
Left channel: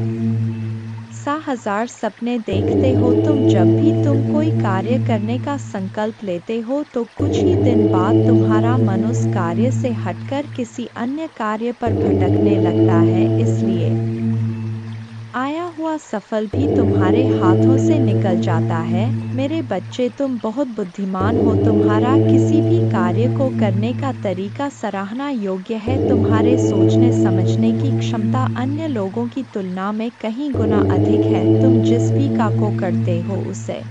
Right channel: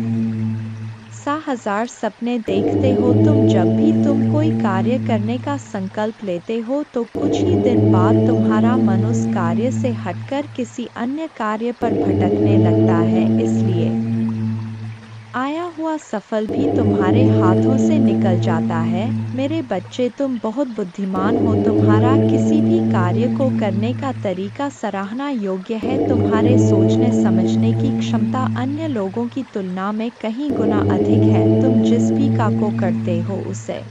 सा हजार सपने देखते हो तुम। जब भी तुम कोई कार्य करने का संकल्प लेते हो तो कुछ ही दिन बाद तुम्हारा मन उस कार्य से हटकर किसी अन्य कार्य पर भटकने लगता है। इसलिए आया हुआ सफल भी तुम्हारे हाथों से निकल जाता है। मेरे बच्चे, तुम बहुत बुद्धिमान हो। तुम्हारा किसी भी कार्य को करने का तरीका सराहना योग्य है। तुम्हारे सोचने समझने की क्षमता अन्य लोगों की तुलना में कहीं गुना अधिक है। तुम जिस भी काम को करते हो उसे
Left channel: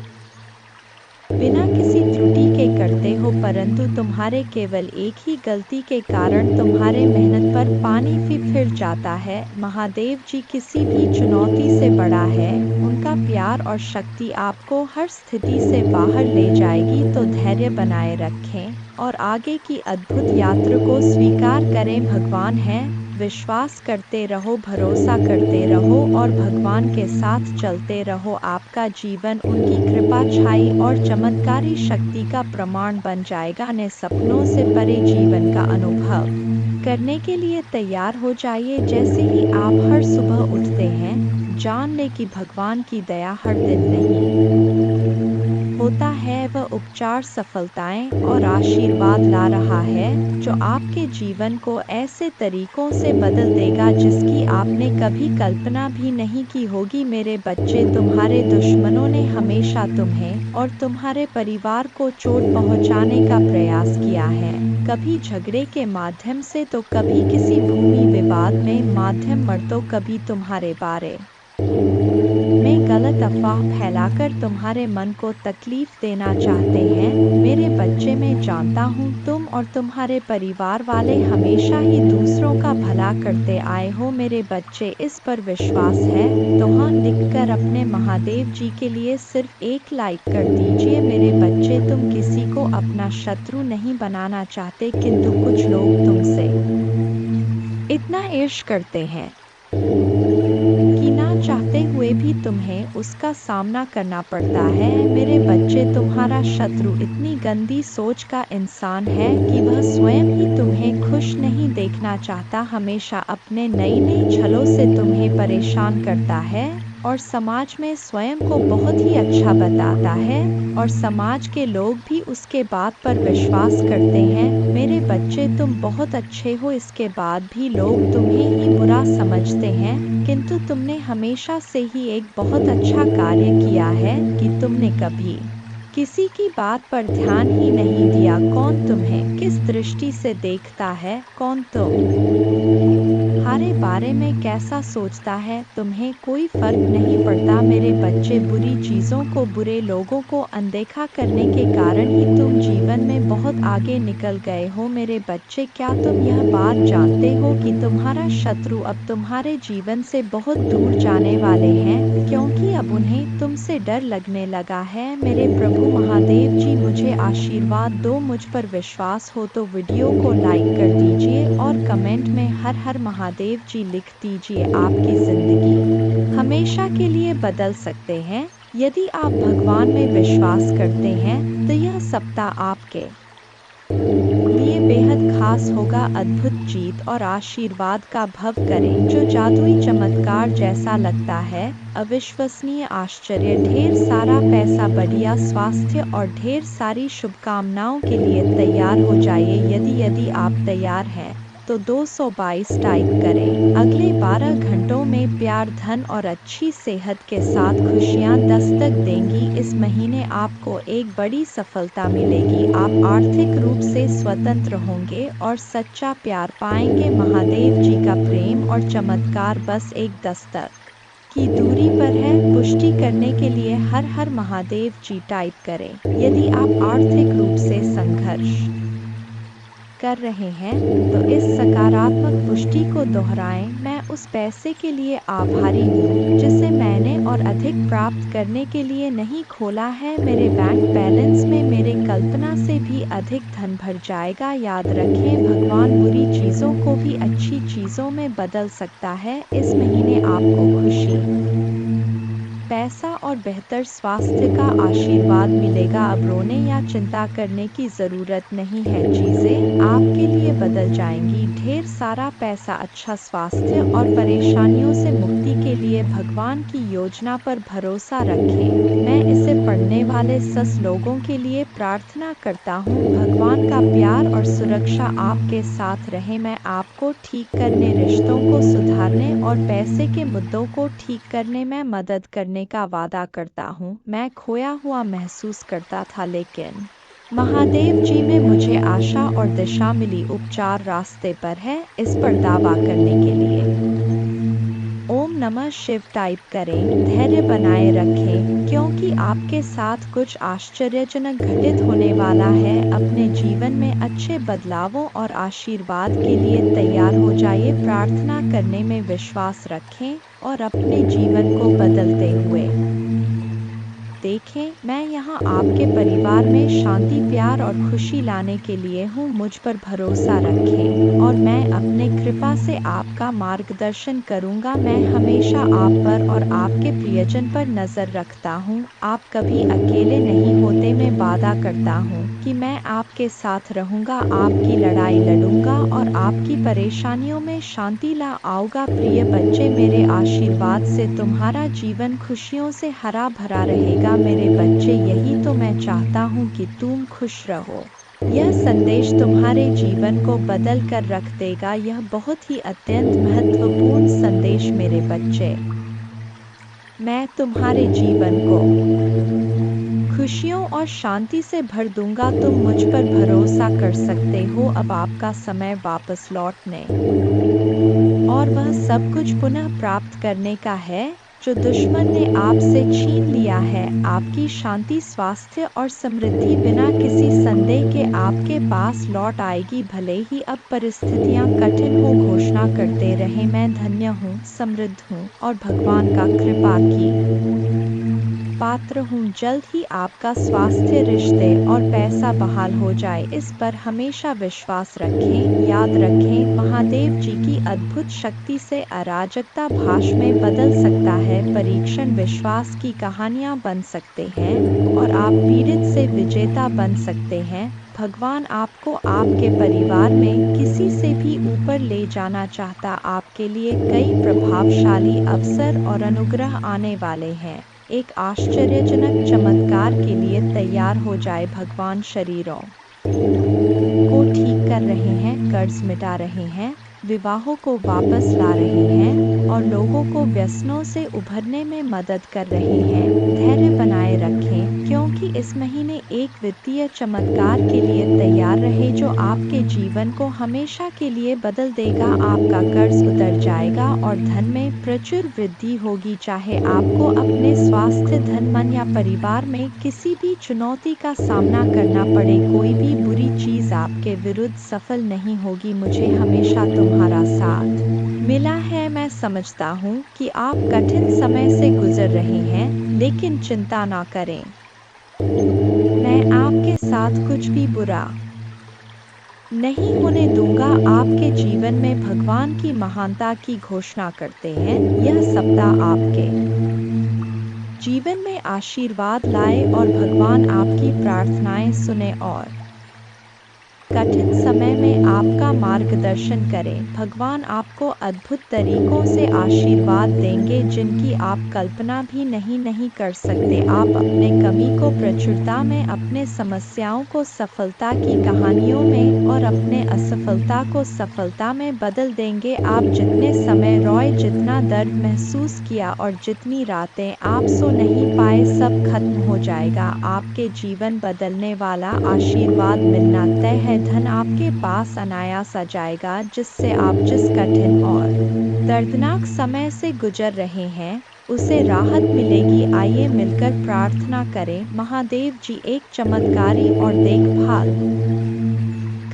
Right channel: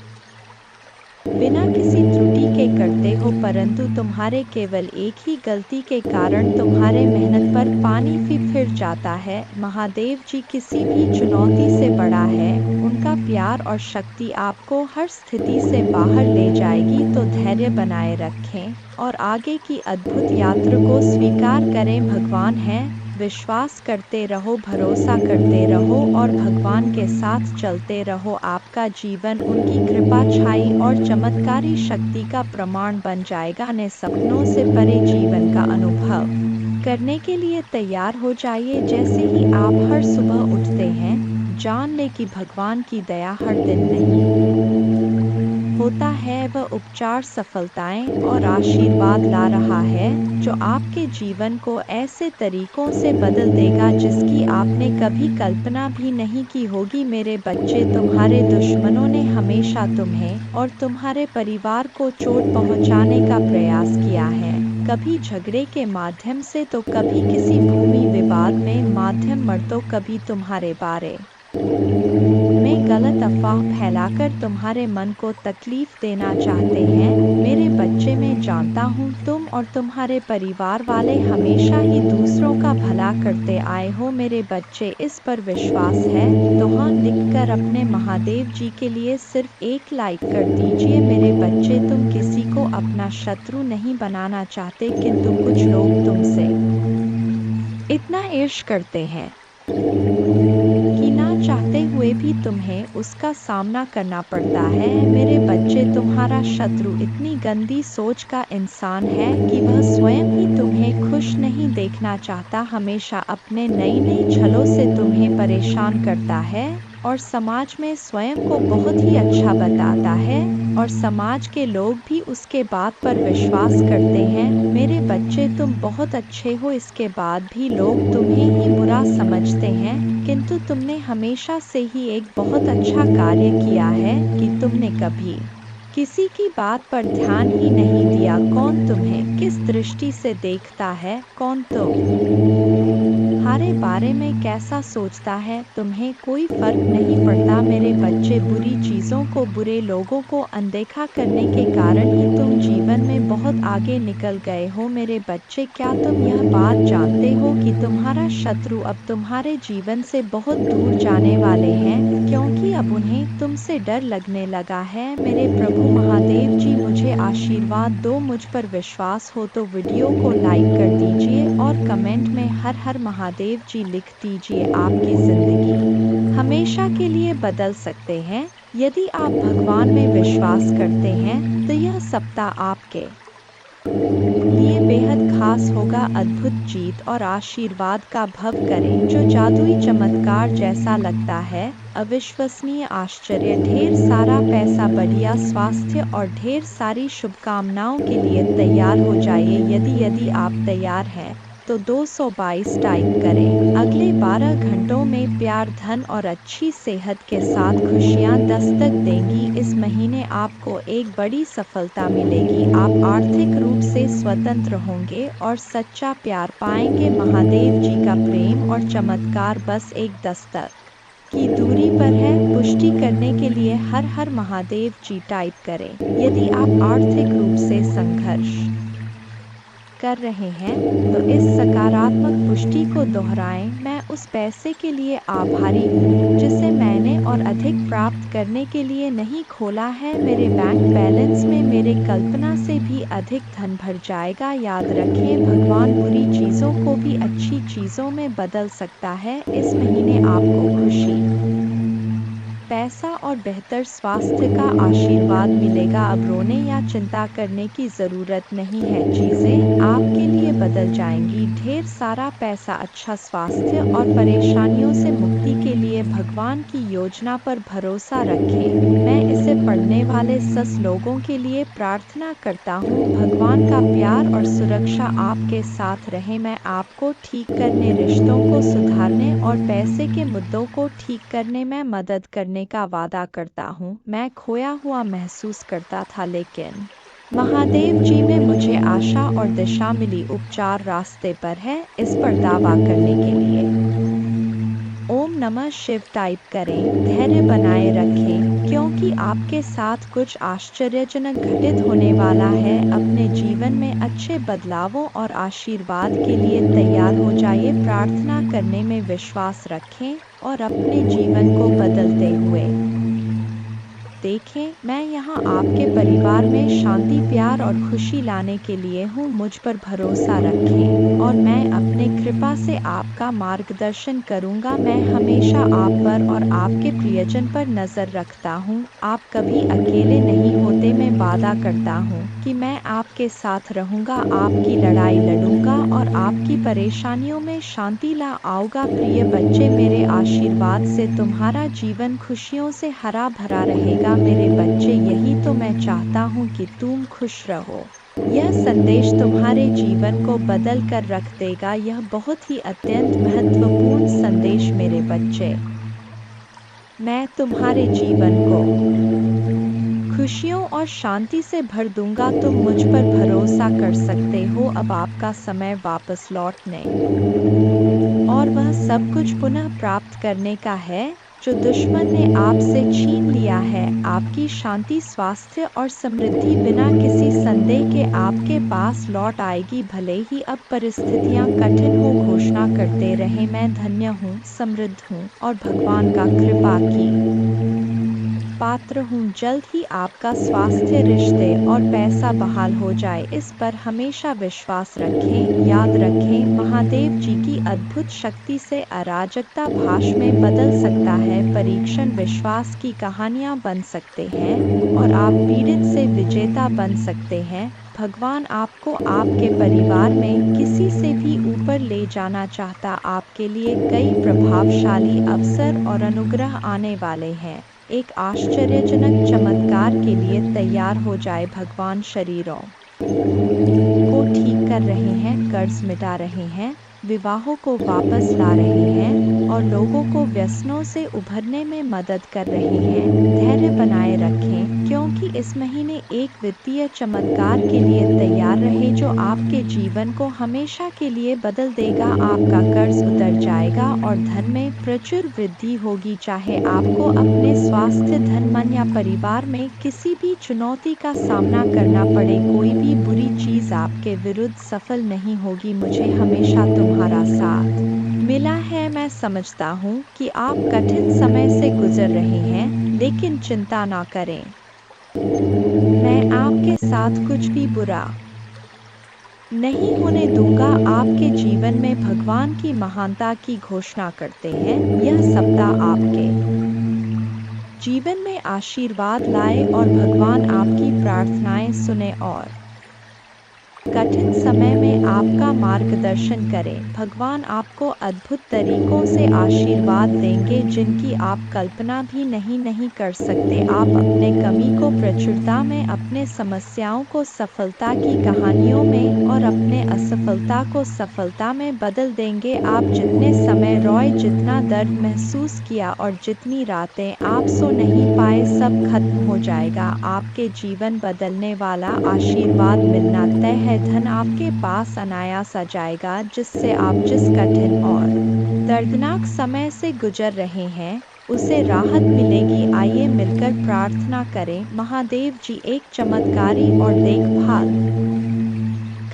बिना किसी त्रुटि के करते हो, परंतु तुम्हारे केवल एक ही गलती के कारण तुम्हारे मेहनत पर पानी फिर जाता है। महादेव जी किसी भी चुनौती से बड़ा है। उनका प्यार और शक्ति आपको हर स्थिति से बाहर ले जाएगी। तो धैर्य बनाए रखें और आगे की अद्भुत यात्रा को स्वीकार करें। भगवान है, विश्वास करते रहो, भरोसा करते रहो और भगवान के साथ चलते रहो। आपका जीवन उनकी कृपा, छाई और चमत्कारी शक्ति का प्रमाण बन जाएगा। अपने सपनों से परे जीवन का अनुभव करने के लिए तैयार हो जाइए। जैसे ही आप हर सुबह उठते हैं, जान ले कि भगवान की दया हर दिन नहीं होता है, वह उपचार, सफलताएं और आशीर्वाद ला रहा है जो आपके जीवन को ऐसे तरीकों से बदल देगा जिसकी आपने कभी कल्पना भी नहीं की होगी। मेरे बच्चे, तुम्हारे दुश्मनों ने हमेशा तुम्हें और तुम्हारे परिवार को चोट पहुंचाने का प्रयास किया है, कभी झगड़े के माध्यम से तो कभी किसी भूमि विवाद में माध्यम मर, तो कभी तुम्हारे बारे में गलत अफवाह फैलाकर तुम्हारे मन को तकलीफ देना चाहते हैं। मेरे बच्चे, मैं जानता हूँ तुम और तुम्हारे परिवार वाले हमेशा ही दूसरों का भला करते आए हो। मेरे बच्चे, इस पर विश्वास है तो हाँ लिखकर अपने महादेव जी के लिए सिर्फ एक लाइक कर दीजिए। मेरे बच्चे, तुम किसी को अपना शत्रु नहीं बनाना चाहते, किंतु कुछ लोग तुमसे इतना ईर्ष्या करते हैं कि ना चाहते हुए भी तुम्हें उसका सामना करना पड़ता है। मेरे बच्चे, तुम्हारा शत्रु इतनी गंदी सोच का इंसान है कि वह स्वयं ही तुम्हें खुश नहीं देखना चाहता, हमेशा अपने नई नई छलों से तुम्हें परेशान करता है और समाज में स्वयं को बहुत ही अच्छा बताता है और समाज के लोग भी उसके बात पर विश्वास करते हैं। मेरे बच्चे, तुम बहुत अच्छे हो, इसके बाद भी लोग तुम्हें ही बुरा समझते हैं, किंतु तुमने हमेशा से ही एक बहुत अच्छा कार्य किया है कि तुमने कभी किसी की बात पर ध्यान ही नहीं दिया। कौन तुम्हें किस दृष्टि से देखता है, कौन तुम्हारे बारे में कैसा सोचता है, तुम्हें कोई फर्क नहीं पड़ता। मेरे बच्चे, बुरी चीज़ों को, बुरे लोगों को अनदेखा करने के कारण ही तुम जीवन में बहुत आगे निकल गए हो। मेरे बच्चे, क्या तुम यह बात जानते हो कि तुम्हारा शत्रु अब तुम्हारे जीवन से बहुत दूर जाने वाले हैं, क्योंकि अब उन्हें तुमसे डर लगने लगा है। मेरे प्रभु महादेव जी, मुझे आशीर्वाद दो। मुझ पर विश्वास हो तो वीडियो को लाइक कर दीजिए और कमेंट में हर हर महादेव जी लिख दीजिए। आपकी जिंदगी हमेशा के लिए बदल सकते हैं यदि आप भगवान में विश्वास करते हैं, तो यह सप्ताह आपके लिए बेहद खास होगा। अद्भुत जीत और आशीर्वाद का भव करें, जो जादुई चमत्कार जैसा लगता है, अविश्वसनीय आश्चर्य, ढेर सारा पैसा, बढ़िया स्वास्थ्य और ढेर सारी शुभकामनाओं के लिए तैयार हो जाइए। यदि आप तैयार हैं तो 222 टाइप करें। अगले 12 घंटों में प्यार, धन और अच्छी सेहत के साथ खुशियां दस्तक देंगी। इस महीने आपको एक बड़ी सफलता मिलेगी। आप आर्थिक रूप से स्वतंत्र होंगे और सच्चा प्यार पाएंगे। महादेव जी का प्रेम और चमत्कार बस एक दस्तक की दूरी पर है। पुष्टि करने के लिए हर हर महादेव जी टाइप करें। यदि आप आर्थिक रूप से संघर्ष कर रहे हैं तो इस सकारात्मक पुष्टि को दोहराएं। मैं उस पैसे के लिए आभारी हूँ जिसे मैंने और अधिक प्राप्त करने के लिए नहीं खोला है। मेरे बैंक बैलेंस में मेरे कल्पना से भी अधिक धन भर जाएगा। याद रखें, भगवान बुरी चीज़ों को भी अच्छी चीज़ों में बदल सकता है। इस महीने आपको खुशी, पैसा और बेहतर स्वास्थ्य का आशीर्वाद मिलेगा। अब रोने या चिंता करने की ज़रूरत नहीं है, चीज़ें आपके लिए बदल जाएंगी। ढेर सारा पैसा, अच्छा स्वास्थ्य और परेशानियों से मुक्ति के लिए भगवान की योजना पर भरोसा रखें। मैं इसे पढ़ने वाले सस लोगों के लिए प्रार्थना करता हूँ। भगवान का प्यार और सुरक्षा आपके साथ रहे। मैं आपको ठीक करने, रिश्तों को सुधारने और पैसे के मुद्दों को ठीक करने में मदद करने का वादा करता हूँ। मैं खोया हुआ महसूस करता था, लेकिन महादेव जी में मुझे आशा और दिशा मिली। उपचार रास्ते पर है, इस पर दावा करने के लिए ओम नमः शिव टाइप करें। धैर्य बनाए रखें, क्योंकि आपके साथ कुछ आश्चर्यजनक घटित होने वाला है। अपने जीवन में अच्छे बदलावों और आशीर्वाद के लिए तैयार हो जाइए। प्रार्थना करने में विश्वास रखें और अपने जीवन को बदलते हुए देखें। मैं यहाँ आपके परिवार में शांति, प्यार और खुशी लाने के लिए हूँ। मुझ पर भरोसा रखें और मैं अपने कृपा से आपका मार्गदर्शन करूँगा। मैं हमेशा आप पर और आपके प्रियजन पर नज़र रखता हूँ। आप कभी अकेले नहीं होते। मैं वादा करता हूँ कि मैं आपके साथ रहूँगा, आपकी लड़ाई लड़ूंगा और आपकी परेशानियों में शांति ला आऊँगा। प्रिय बच्चे, मेरे आशीर्वाद से तुम्हारा जीवन खुशियों से हरा भरा रहेगा। मेरे बच्चे, यही तो मैं चाहता हूँ कि तुम खुश रहो। यह संदेश तुम्हारे जीवन को बदल कर रख देगा। यह बहुत ही अत्यंत महत्वपूर्ण संदेश मेरे बच्चे। मैं तुम्हारे जीवन को खुशियों और शांति से भर दूंगा। तुम मुझ पर भरोसा कर सकते हो। अब आपका समय वापस लौटने और वह सब कुछ पुनः प्राप्त करने का है जो दुश्मन ने आपसे छीन लिया है। आपकी शांति, स्वास्थ्य और समृद्धि बिना किसी संदेह के आपके पास लौट आएगी। भले ही अब परिस्थितियां कठिन हो, घोषणा करते रहे, मैं धन्य हूँ, समृद्ध हूँ और भगवान का कृपा की पात्र हूँ। जल्द ही आपका स्वास्थ्य, रिश्ते और पैसा बहाल हो जाए, इस पर हमेशा विश्वास रखें। याद रखें, महादेव जी की अद्भुत शक्ति से अराजकता भाष में बदल सकता है। परीक्षण विश्वास की कहानियाँ बन सकते हैं और आप पीड़ित से विजेता बन सकते हैं। भगवान आपको आपके परिवार में किसी से भी ऊपर ले जाना चाहता। आपके लिए कई प्रभावशाली अवसर और अनुग्रह आने वाले हैं। एक आश्चर्यजनक चमत्कार के लिए तैयार हो जाए। भगवान शरीरों को ठीक कर रहे हैं, कर्ज मिटा रहे हैं, विवाहों को वापस ला रहे हैं और लोगों को व्यसनों से उभरने में मदद कर रहे हैं। धैर्य बनाए रखें, क्योंकि इस महीने एक वित्तीय चमत्कार के लिए तैयार रहे जो आपके जीवन को हमेशा के लिए बदल देगा। आपका कर्ज उतर जाएगा और धन में प्रचुर वृद्धि होगी। चाहे आपको अपने स्वास्थ्य, धन, मन या परिवार में किसी भी चुनौती का सामना करना पड़े, कोई भी बुरी चीज आपके विरुद्ध सफल नहीं होगी। मुझे हमेशा तुम्हारा साथ मिला है। मैं समझता हूँ कि आप कठिन समय से गुजर रहे हैं, लेकिन चिंता ना करें, मैं आपके साथ कुछ भी बुरा नहीं होने दूंगा। आपके जीवन में भगवान की महानता की घोषणा करते हैं। यह सप्ताह आपके जीवन में आशीर्वाद लाए और भगवान आपकी प्रार्थनाएं सुने और कठिन समय में आपका मार्गदर्शन करें। भगवान आपको अद्भुत तरीकों से आशीर्वाद देंगे जिनकी आप कल्पना भी नहीं कर सकते। आप अपने कमी को प्रचुरता में, अपने समस्याओं को सफलता की कहानियों में और अपने असफलता को सफलता में बदल देंगे। आप जितने समय रोए, जितना दर्द महसूस किया और जितनी रातें आप सो नहीं पाए, सब खत्म हो जाएगा। आपके जीवन बदलने वाला आशीर्वाद मिलना तय है। धन आपके पास अनायास आ जाएगा, जिससे आप जिस कठिन और दर्दनाक समय से गुजर रहे हैं उसे राहत मिलेगी। आइए मिलकर प्रार्थना करें। महादेव जी, एक चमत्कारी और देखभाल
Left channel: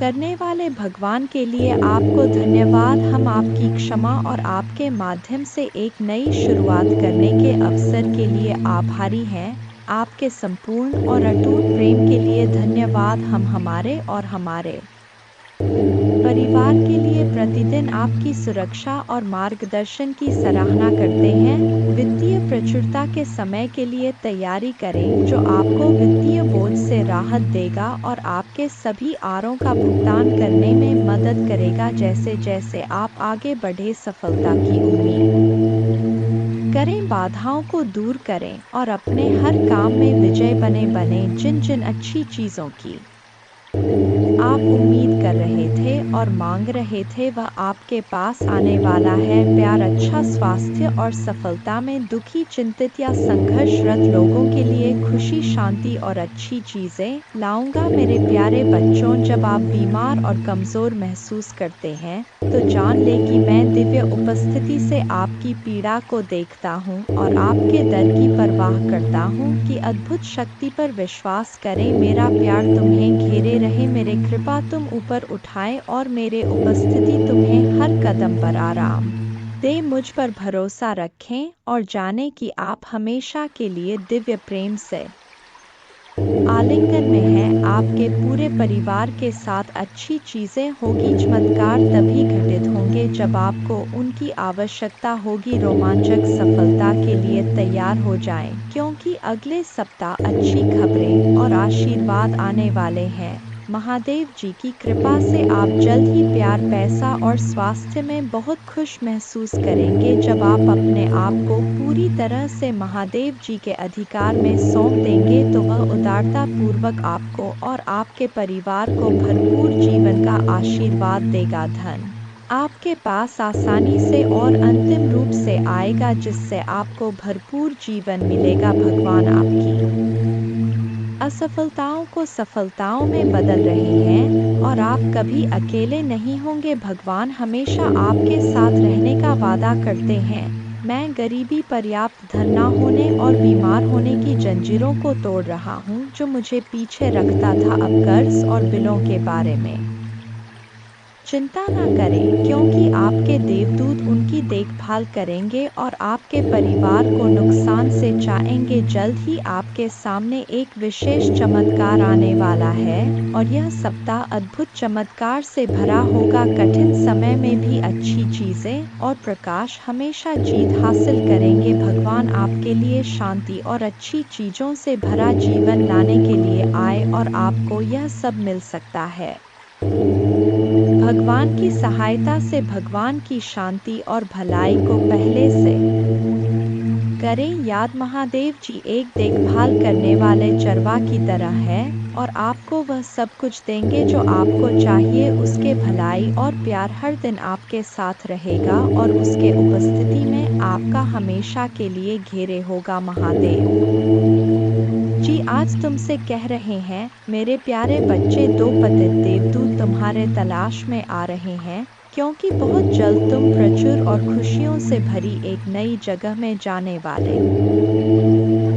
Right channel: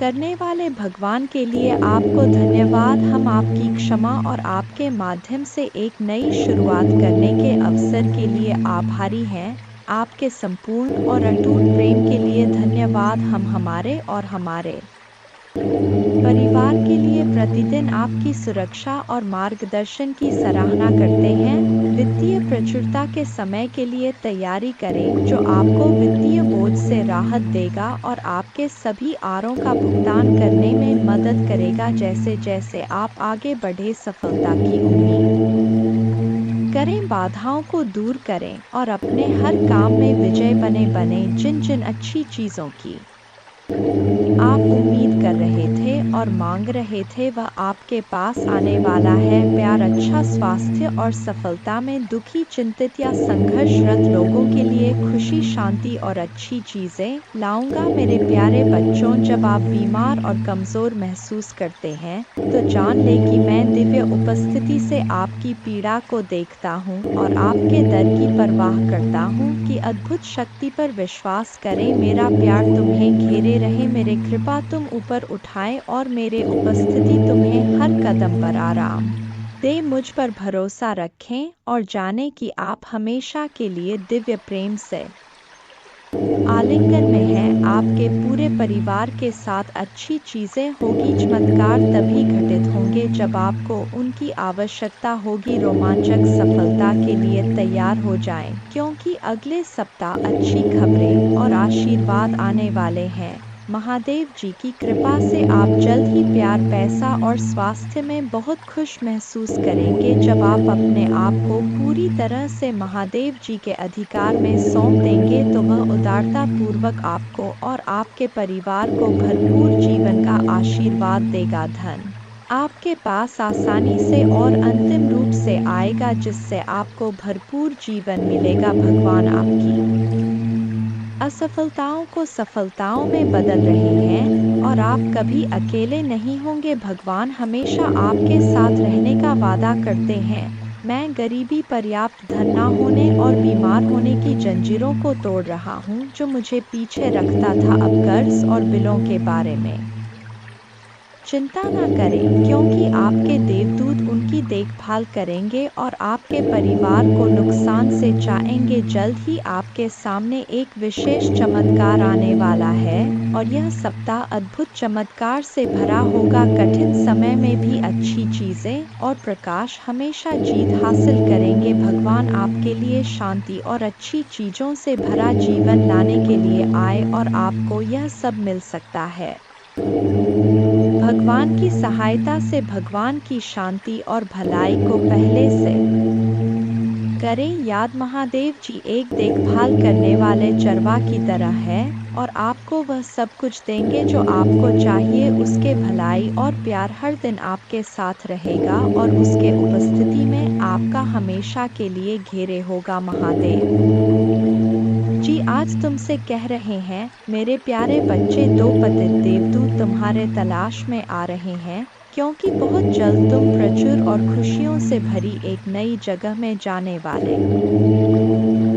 करने वाले भगवान के लिए आपको धन्यवाद। हम आपकी क्षमा और आपके माध्यम से एक नई शुरुआत करने के अवसर के लिए आभारी हैं। आपके संपूर्ण और अटूट प्रेम के लिए धन्यवाद। हम हमारे और हमारे परिवार के लिए प्रतिदिन आपकी सुरक्षा और मार्गदर्शन की सराहना करते हैं। वित्तीय प्रचुरता के समय के लिए तैयारी करें, जो आपको वित्तीय बोझ से राहत देगा और आपके सभी आरों का भुगतान करने में मदद करेगा। जैसे जैसे आप आगे बढ़े, सफलता की उम्मीद करें, बाधाओं को दूर करें और अपने हर काम में विजय बने। जिन जिन अच्छी चीज़ों की आप उम्मीद कर रहे थे और मांग रहे थे, वह आपके पास आने वाला है। प्यार, अच्छा स्वास्थ्य और सफलता में दुखी, चिंतित या संघर्षरत लोगों के लिए खुशी, शांति और अच्छी चीजें लाऊंगा। मेरे प्यारे बच्चों, जब आप बीमार और कमजोर महसूस करते हैं तो जान ले कि मैं दिव्य उपस्थिति से आपकी पीड़ा को देखता हूँ और आपके दर्द की परवाह करता हूँ कि अद्भुत शक्ति पर विश्वास करें। मेरा प्यार तुम्हें घेरे रहे, मेरे कृपा तुम ऊपर उठाए और मेरे उपस्थिति तुम्हें हर कदम पर आराम दे। मुझ पर भरोसा रखें और जाने कि आप हमेशा के लिए दिव्य प्रेम से आलिंगन में हैं। आपके पूरे परिवार के साथ अच्छी चीजें होगी। चमत्कार तभी घटित होंगे जब आपको उनकी आवश्यकता होगी। रोमांचक सफलता के लिए तैयार हो जाएं, क्योंकि अगले सप्ताह अच्छी खबरें और आशीर्वाद आने वाले हैं। महादेव जी की कृपा से आप जल्द ही प्यार, पैसा और स्वास्थ्य में बहुत खुश महसूस करेंगे। जब आप अपने आप को पूरी तरह से महादेव जी के अधिकार में सौंप देंगे तो वह उदारता पूर्वक आपको और आपके परिवार को भरपूर जीवन का आशीर्वाद देगा। धन आपके पास आसानी से और अंतिम रूप से आएगा, जिससे आपको भरपूर जीवन मिलेगा। भगवान आपकी असफलताओं को सफलताओं में बदल रहे हैं और आप कभी अकेले नहीं होंगे। भगवान हमेशा आपके साथ रहने का वादा करते हैं। मैं गरीबी, पर्याप्त धन न होने और बीमार होने की जंजीरों को तोड़ रहा हूँ जो मुझे पीछे रखता था। अब कर्ज और बिलों के बारे में चिंता न करें, क्योंकि आपके देवदूत उनकी देखभाल करेंगे और आपके परिवार को नुकसान से बचाएंगे। जल्द ही आपके सामने एक विशेष चमत्कार आने वाला है और यह सप्ताह अद्भुत चमत्कार से भरा होगा। कठिन समय में भी अच्छी चीजें और प्रकाश हमेशा जीत हासिल करेंगे। भगवान आपके लिए शांति और अच्छी चीजों से भरा जीवन लाने के लिए आए और आपको यह सब मिल सकता है। भगवान की सहायता से भगवान की शांति और भलाई को पहले से करें याद। महादेव जी एक देखभाल करने वाले चरवा की तरह है और आपको वह सब कुछ देंगे जो आपको चाहिए। उसके भलाई और प्यार हर दिन आपके साथ रहेगा और उसके उपस्थिति में आपका हमेशा के लिए घेरे होगा। महादेव जी आज तुमसे कह रहे हैं, मेरे प्यारे बच्चे, दो पतित देवदूत तुम्हारे तलाश में आ रहे हैं, क्योंकि बहुत जल्द तुम प्रचुर और खुशियों से भरी एक नई जगह में जाने वाले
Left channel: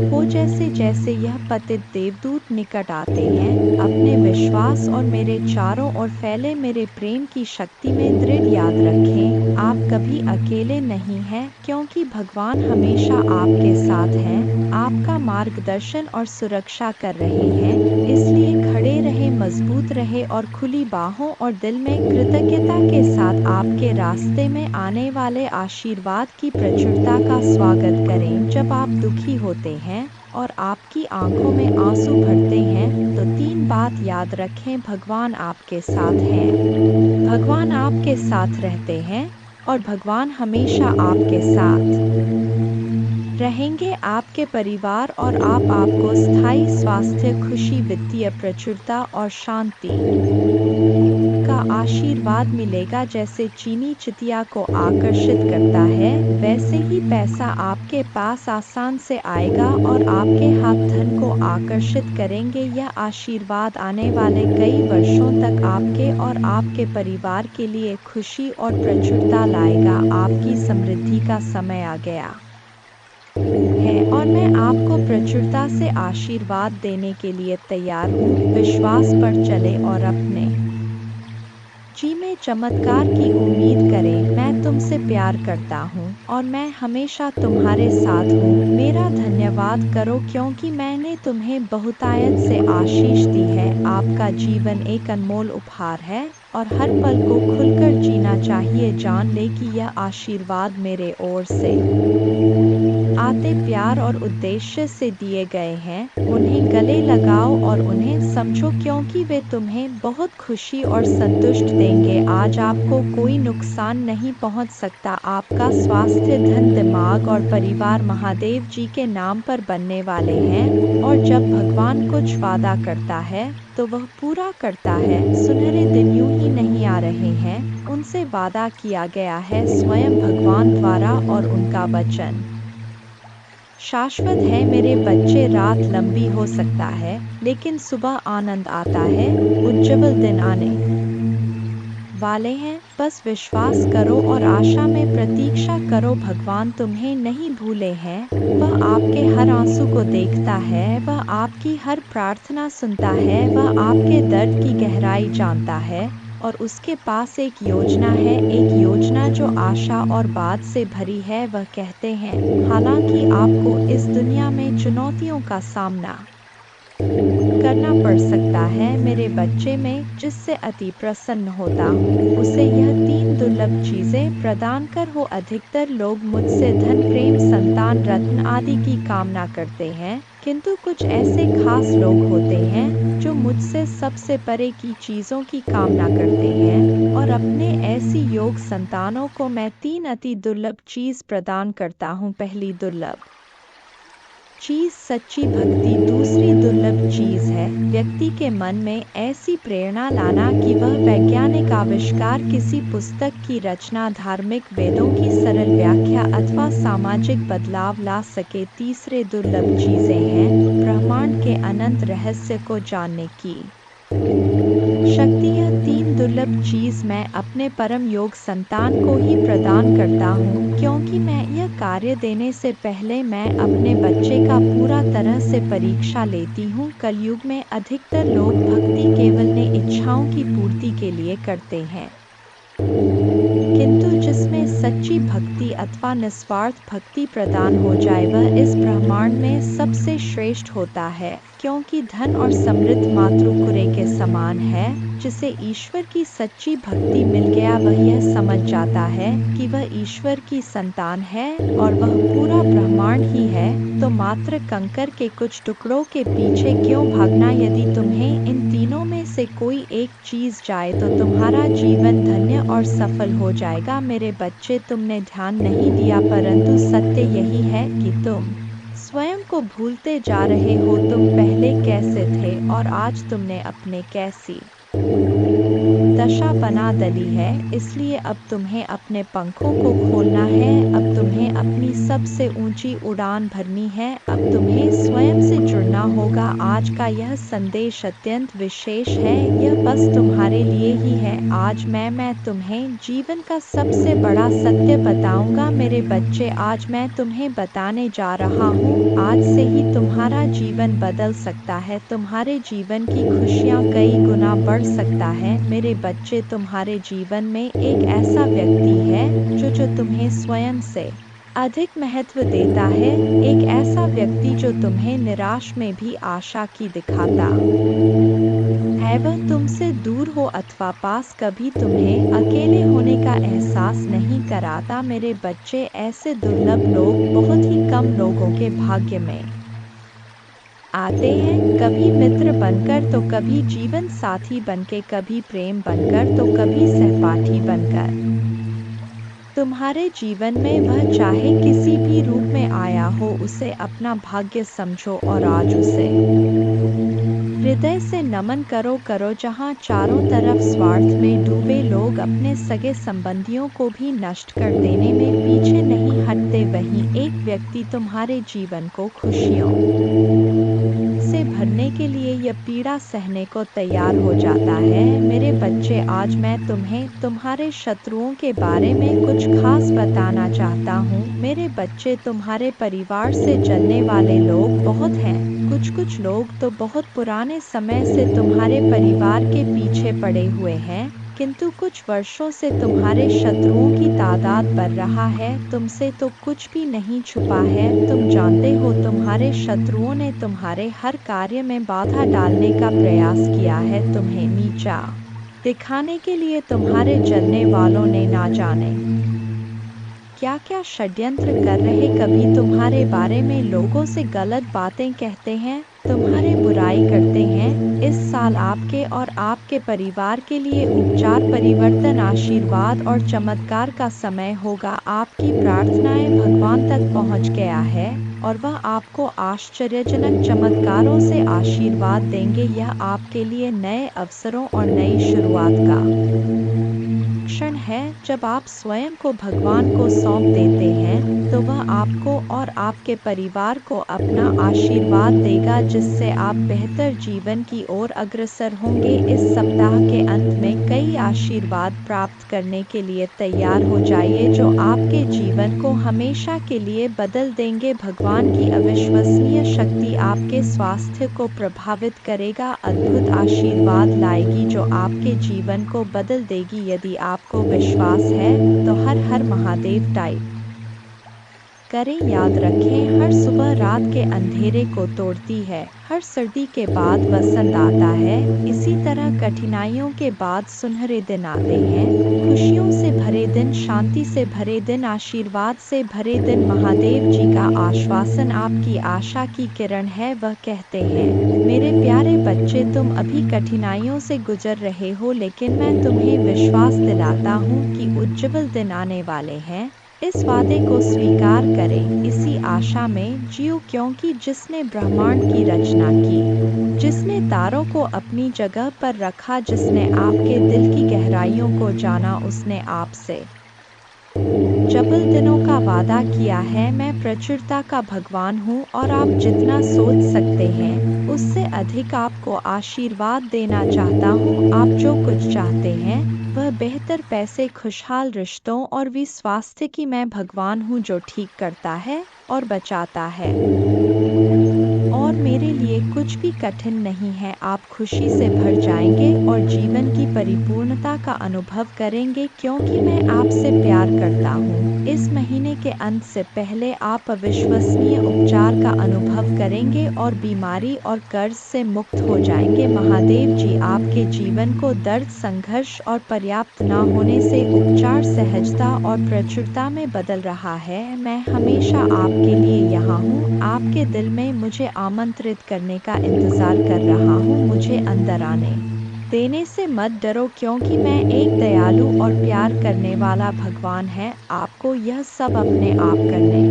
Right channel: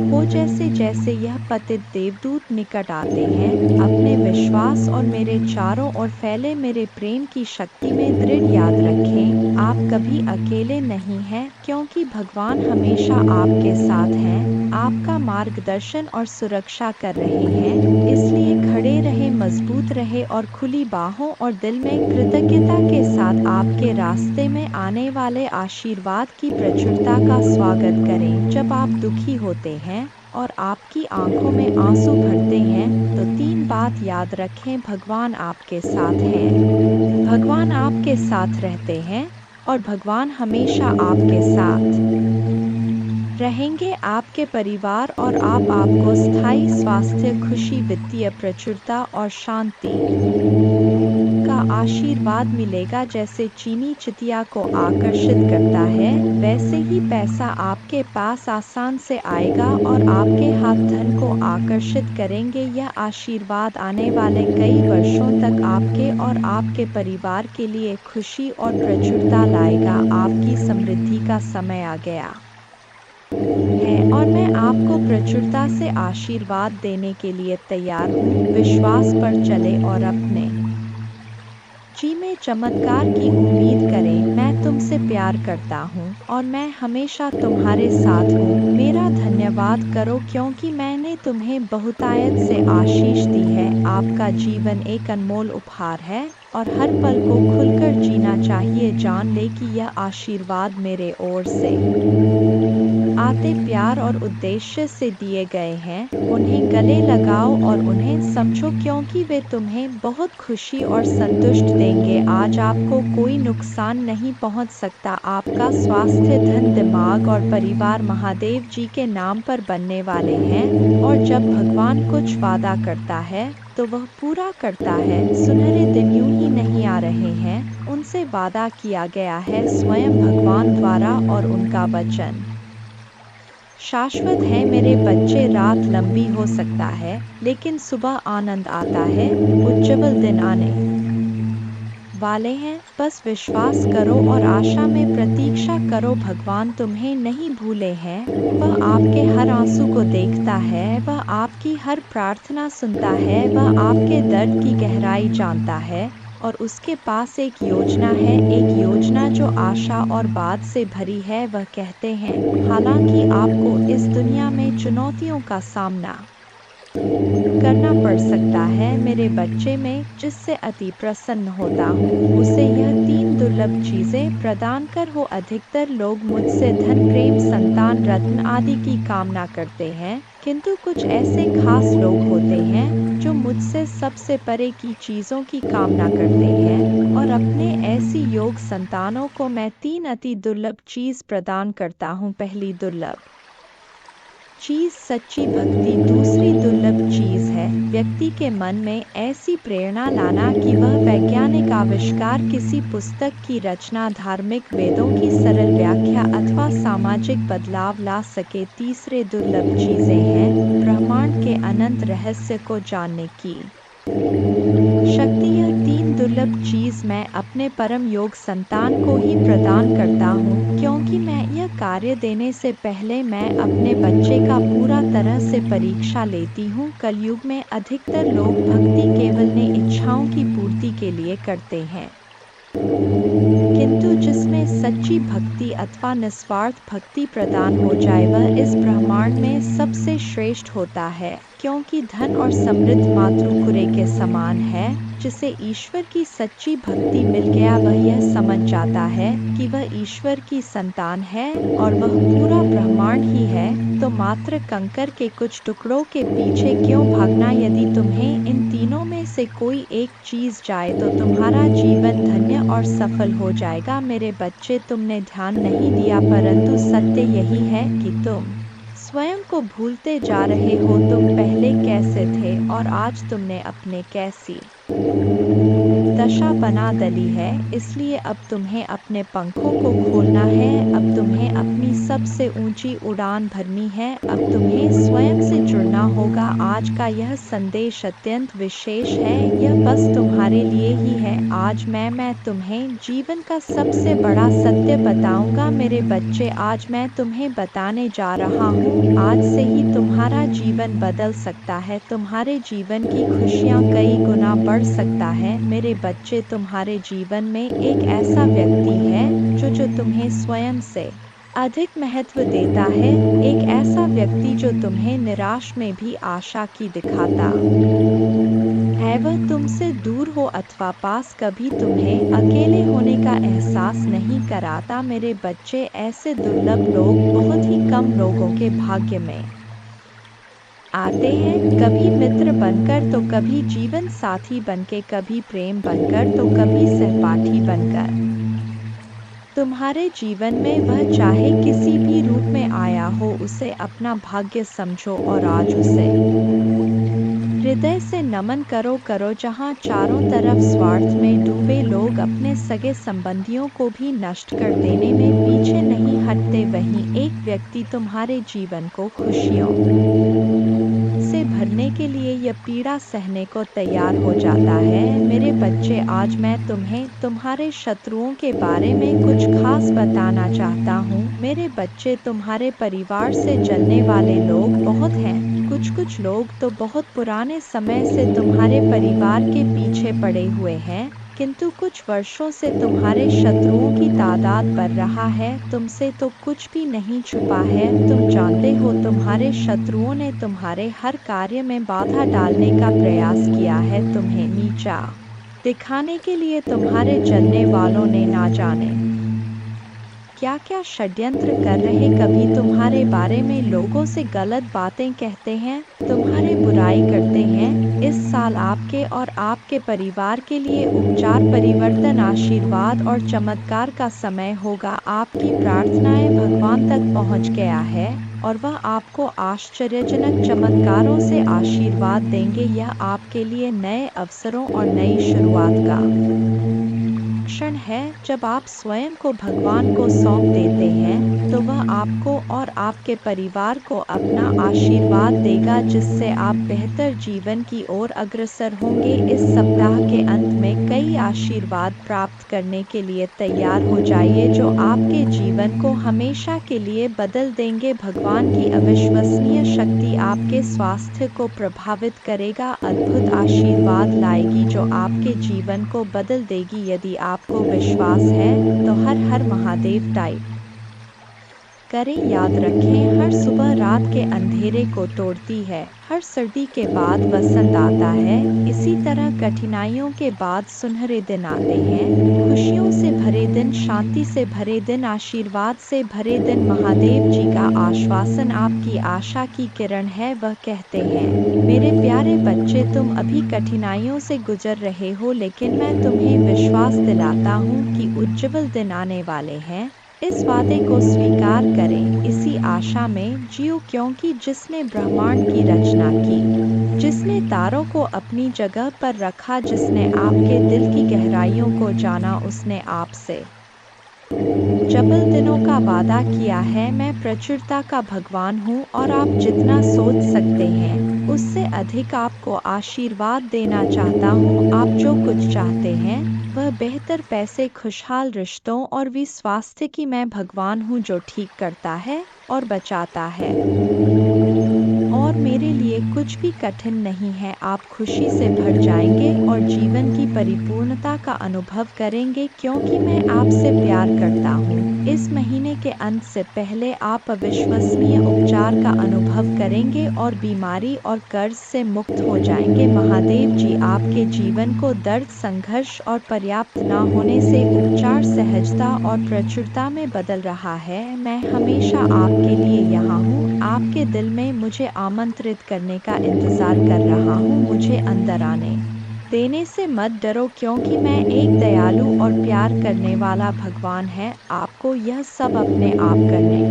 हो। जैसे जैसे यह पतित देवदूत निकट आते हैं, अपने विश्वास और मेरे चारों ओर फैले मेरे प्रेम की शक्ति में दृढ़ याद रखें, आप कभी अकेले नहीं हैं, क्योंकि भगवान हमेशा आपके साथ हैं, आपका मार्गदर्शन और सुरक्षा कर रहे हैं। इसलिए खड़े रहे, मजबूत रहे और खुली बाहों और दिल में कृतज्ञता के साथ आपके रास्ते में आने वाले आशीर्वाद की प्रचुरता का स्वागत करें। जब आप दुखी होते हैं और आपकी आंखों में आंसू भरते हैं, तो तीन बात याद रखें, भगवान आपके साथ हैं, भगवान आपके साथ रहते हैं और भगवान हमेशा आपके साथ रहेंगे। आपके परिवार और आपको स्थायी स्वास्थ्य, खुशी, वित्तीय प्रचुरता और शांति का आशीर्वाद मिलेगा। जैसे चीनी चितिया को आकर्षित करता है, वैसे ही पैसा आपके पास आसान से आएगा और आपके हाथ धन को आकर्षित करेंगे। यह आशीर्वाद आने वाले कई वर्षों तक आपके और आपके परिवार के लिए खुशी और प्रचुरता लाएगा। आपकी समृद्धि का समय आ गया है और मैं आपको प्रचुरता से आशीर्वाद देने के लिए तैयार हूँ। विश्वास पर चले और अपने जी में चमत्कार की उम्मीद करें। मैं तुमसे प्यार करता हूँ और मैं हमेशा तुम्हारे साथ हूँ। मेरा धन्यवाद करो, क्योंकि मैंने तुम्हें बहुतायत से आशीष दी है। आपका जीवन एक अनमोल उपहार है और हर पल को खुलकर जीना चाहिए। जान ले कि यह आशीर्वाद मेरे ओर से आते प्यार और उद्देश्य से दिए गए हैं। उन्हें गले लगाओ और उन्हें समझो, क्योंकि वे तुम्हें बहुत खुशी और संतुष्ट देंगे। आज आपको कोई नुकसान नहीं पहुंच सकता। आपका स्वास्थ्य, धन, दिमाग और परिवार महादेव जी के नाम पर बनने वाले हैं और जब भगवान कुछ वादा करता है तो वह पूरा करता है। सुनहरे दिन यूं ही नहीं आ रहे हैं, उनसे वादा किया गया है स्वयं भगवान द्वारा और उनका वचन शाश्वत है। मेरे बच्चे, रात लंबी हो सकता है, लेकिन सुबह आनंद आता है। उज्जवल दिन आने वाले हैं। बस विश्वास करो और आशा में प्रतीक्षा करो। भगवान तुम्हें नहीं भूले हैं, वह आपके हर आंसू को देखता है, वह आपकी हर प्रार्थना सुनता है, वह आपके दर्द की गहराई जानता है और उसके पास एक योजना है, एक योजना जो आशा और बाद से भरी है। वह कहते हैं, हालांकि आपको इस दुनिया में चुनौतियों का सामना करना पड़ सकता है, मेरे बच्चे, में जिससे अति प्रसन्न होता हूँ, उसे यह तीन दुर्लभ चीजें प्रदान कर हो। अधिकतर लोग मुझसे धन, प्रेम, संतान, रत्न आदि की कामना करते हैं, किंतु कुछ ऐसे खास लोग होते हैं जो मुझसे सबसे परे की चीजों की कामना करते हैं और अपने ऐसी योग संतानों को मैं तीन अति दुर्लभ चीज प्रदान करता हूँ। पहली दुर्लभ चीज सच्ची भक्ति। दूसरी दुर्लभ चीज है व्यक्ति के मन में ऐसी प्रेरणा लाना कि वह वैज्ञानिक आविष्कार, किसी पुस्तक की रचना, धार्मिक वेदों की सरल व्याख्या अथवा सामाजिक बदलाव ला सके। तीसरे दुर्लभ चीजें हैं ब्रह्मांड के अनंत रहस्य को जानने की शक्ति। यह तीन दुर्लभ चीज मैं अपने परम योग संतान को ही प्रदान करता हूँ, क्योंकि मैं यह कार्य देने से पहले मैं अपने बच्चे का पूरा तरह से परीक्षा लेती हूँ। कलयुग में अधिकतर लोग भक्ति केवल ने इच्छाओं की पूर्ति के लिए करते हैं, किंतु जिसमें सच्ची भक्ति अथवा निस्वार्थ भक्ति प्रदान हो जाए वह इस ब्रह्मांड में सबसे श्रेष्ठ होता है, क्योंकि धन और समृद्ध मातृकुरे के समान है। जिसे ईश्वर की सच्ची भक्ति मिल गया वह यह समझ जाता है कि वह ईश्वर की संतान है और वह पूरा ब्रह्मांड ही है। तो मात्र कंकर के कुछ टुकड़ों के पीछे क्यों भागना? यदि तुम्हें इन तीनों में से कोई एक चीज जाए तो तुम्हारा जीवन धन्य और सफल हो जाएगा। मेरे बच्चे, तुमने ध्यान नहीं दिया, परंतु सत्य यही है कि तुम स्वयं को भूलते जा रहे हो। तुम पहले कैसे थे और आज तुमने अपने कैसी दशा बना डाली है। इसलिए अब तुम्हें अपने पंखों को खोलना है, अब तुम्हें अपनी सबसे ऊंची उड़ान भरनी है, अब तुम्हें स्वयं से जुड़ना होगा। आज का यह संदेश अत्यंत विशेष है, यह बस तुम्हारे लिए ही है। आज मैं तुम्हें जीवन का सबसे बड़ा सत्य बताऊंगा। मेरे बच्चे, आज मैं तुम्हें बताने जा रहा हूँ, आज से ही तुम्हारा जीवन बदल सकता है, तुम्हारे जीवन की खुशियाँ कई गुना बढ़ सकता है। मेरे बच्चे, तुम्हारे जीवन में एक ऐसा व्यक्ति है जो तुम्हें स्वयं से अधिक महत्व देता है, एक ऐसा व्यक्ति जो तुम्हें निराश में भी आशा की दिखाता है। वह तुमसे दूर हो अथवा पास, कभी तुम्हें अकेले होने का एहसास नहीं कराता। मेरे बच्चे, ऐसे दुर्लभ लोग बहुत ही कम लोगों के भाग्य में आते हैं, कभी मित्र बनकर तो कभी जीवन साथी बनके, कभी प्रेम बनकर तो कभी सहपाठी बनकर। तुम्हारे जीवन में वह चाहे किसी भी रूप में आया हो, उसे अपना भाग्य समझो और आज उसे हृदय से नमन करो। जहाँ चारों तरफ स्वार्थ में डूबे लोग अपने सगे संबंधियों को भी नष्ट कर देने में पीछे नहीं हटते, वहीं एक व्यक्ति तुम्हारे जीवन को खुशियों से भरने के लिए यह पीड़ा सहने को तैयार हो जाता है। मेरे बच्चे, आज मैं तुम्हें तुम्हारे शत्रुओं के बारे में कुछ खास बताना चाहता हूँ। मेरे बच्चे, तुम्हारे परिवार से जलने वाले लोग बहुत हैं। कुछ लोग तो बहुत पुराने समय से तुम्हारे परिवार के पीछे पड़े हुए हैं, किंतु कुछ वर्षों से तुम्हारे शत्रुओं की तादाद बढ़ रहा है। तुमसे तो कुछ भी नहीं छुपा है, तुम जानते हो तुम्हारे शत्रुओं ने तुम्हारे हर कार्य में बाधा डालने का प्रयास किया है, तुम्हें नीचा दिखाने के लिए तुम्हारे जलने वालों ने ना जाने क्या क्या षड्यंत्र कर रहे। कभी तुम्हारे बारे में लोगों से गलत बातें कहते हैं, तुम्हारे बुराई करते हैं। इस साल आपके और आपके परिवार के लिए उपचार, परिवर्तन, आशीर्वाद और चमत्कार का समय होगा। आपकी प्रार्थनाएं भगवान तक पहुंच गया है और वह आपको आश्चर्यजनक चमत्कारों से आशीर्वाद देंगे। यह आपके लिए नए अवसरों और नई शुरुआत का क्षण है। जब आप स्वयं को भगवान को सौंप देते हैं तो वह आपको और आपके परिवार को अपना आशीर्वाद देगा, जिससे आप बेहतर जीवन की ओर अग्रसर होंगे। इस सप्ताह के अंत में कई आशीर्वाद प्राप्त करने के लिए तैयार हो जाइए, जो आपके जीवन को हमेशा के लिए बदल देंगे। भगवान की अविश्वसनीय शक्ति आपके स्वास्थ्य को प्रभावित करेगा, अद्भुत आशीर्वाद लाएगी जो आपके जीवन को बदल देगी। यदि आपको विश्वास है तो हर हर महादेव टाइप करें। याद रखें, हर सुबह रात के अंधेरे को तोड़ती है, हर सर्दी के बाद वसंत आता है। इसी तरह कठिनाइयों के बाद सुनहरे दिन आते हैं, खुशियों से भरे दिन, शांति से भरे दिन, आशीर्वाद से भरे दिन। महादेव जी का आश्वासन आपकी आशा की किरण है। वह कहते हैं, मेरे प्यारे बच्चे, तुम अभी कठिनाइयों से गुजर रहे हो, लेकिन मैं तुम्हें विश्वास दिलाता हूँ कि उज्जवल दिन आने वाले हैं। इस वादे को स्वीकार करें, इसी आशा में जियो, क्योंकि जिसने ब्रह्मांड की रचना की, जिसने तारों को अपनी जगह पर रखा, जिसने आपके दिल की गहराइयों को जाना, उसने आपसे जबल दिनों का वादा किया है। मैं प्रचुरता का भगवान हूँ और आप जितना सोच सकते हैं उससे अधिक आपको आशीर्वाद देना चाहता हूँ। आप जो कुछ चाहते हैं वह बेहतर पैसे, खुशहाल रिश्तों और भी स्वास्थ्य की मैं भगवान हूँ जो ठीक करता है और बचाता है। और और मेरे लिए कुछ भी कठिन नहीं है। आप खुशी से भर जाएंगे और जीवन की परिपूर्णता का अनुभव करेंगे क्योंकि मैं आपसे प्यार करता हूँ। इस महीने के अंत से पहले आप अविश्वसनीय उपचार का अनुभव करेंगे और बीमारी और कर्ज से मुक्त हो जाएंगे। महादेव जी आपके जीवन को दर्द, संघर्ष और पर्याप्त न होने से उपचार, सहजता और प्रचुरता में बदल रहा है। मैं हमेशा आपके लिए यहाँ हूँ, आपके दिल में मुझे आमंत्रित करने का इंतजार कर रहा हूँ। मुझे अंदर आने देने से मत डरो क्योंकि मैं एक दयालु और प्यार करने वाला भगवान है। आपको यह सब अपने आप करने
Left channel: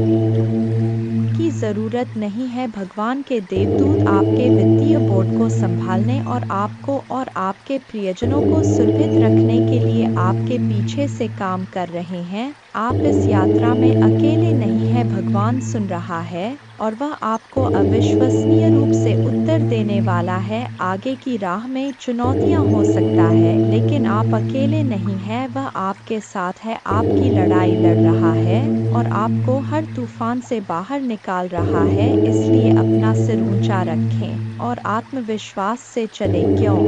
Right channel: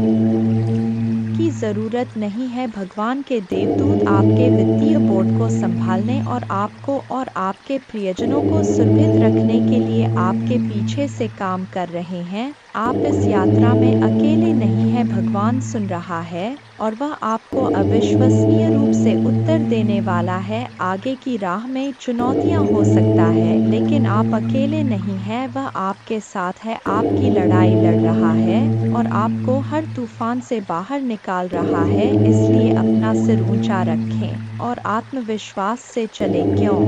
की ज़रूरत नहीं है। भगवान के देवदूत आपके वित्तीय बोर्ड को संभालने और आपको और आपके प्रियजनों को सुरक्षित रखने के लिए आपके पीछे से काम कर रहे हैं। आप इस यात्रा में अकेले नहीं हैं। भगवान सुन रहा है और वह आपको अविश्वसनीय रूप से उत्तर देने वाला है। आगे की राह में चुनौतियां हो सकता है लेकिन आप अकेले नहीं हैं। वह आपके साथ है, आपकी लड़ाई लड़ रहा है और आपको हर तूफान से बाहर निकाल रहा है। इसलिए अपना सिर ऊंचा रखें और आत्मविश्वास से चलें। क्यों?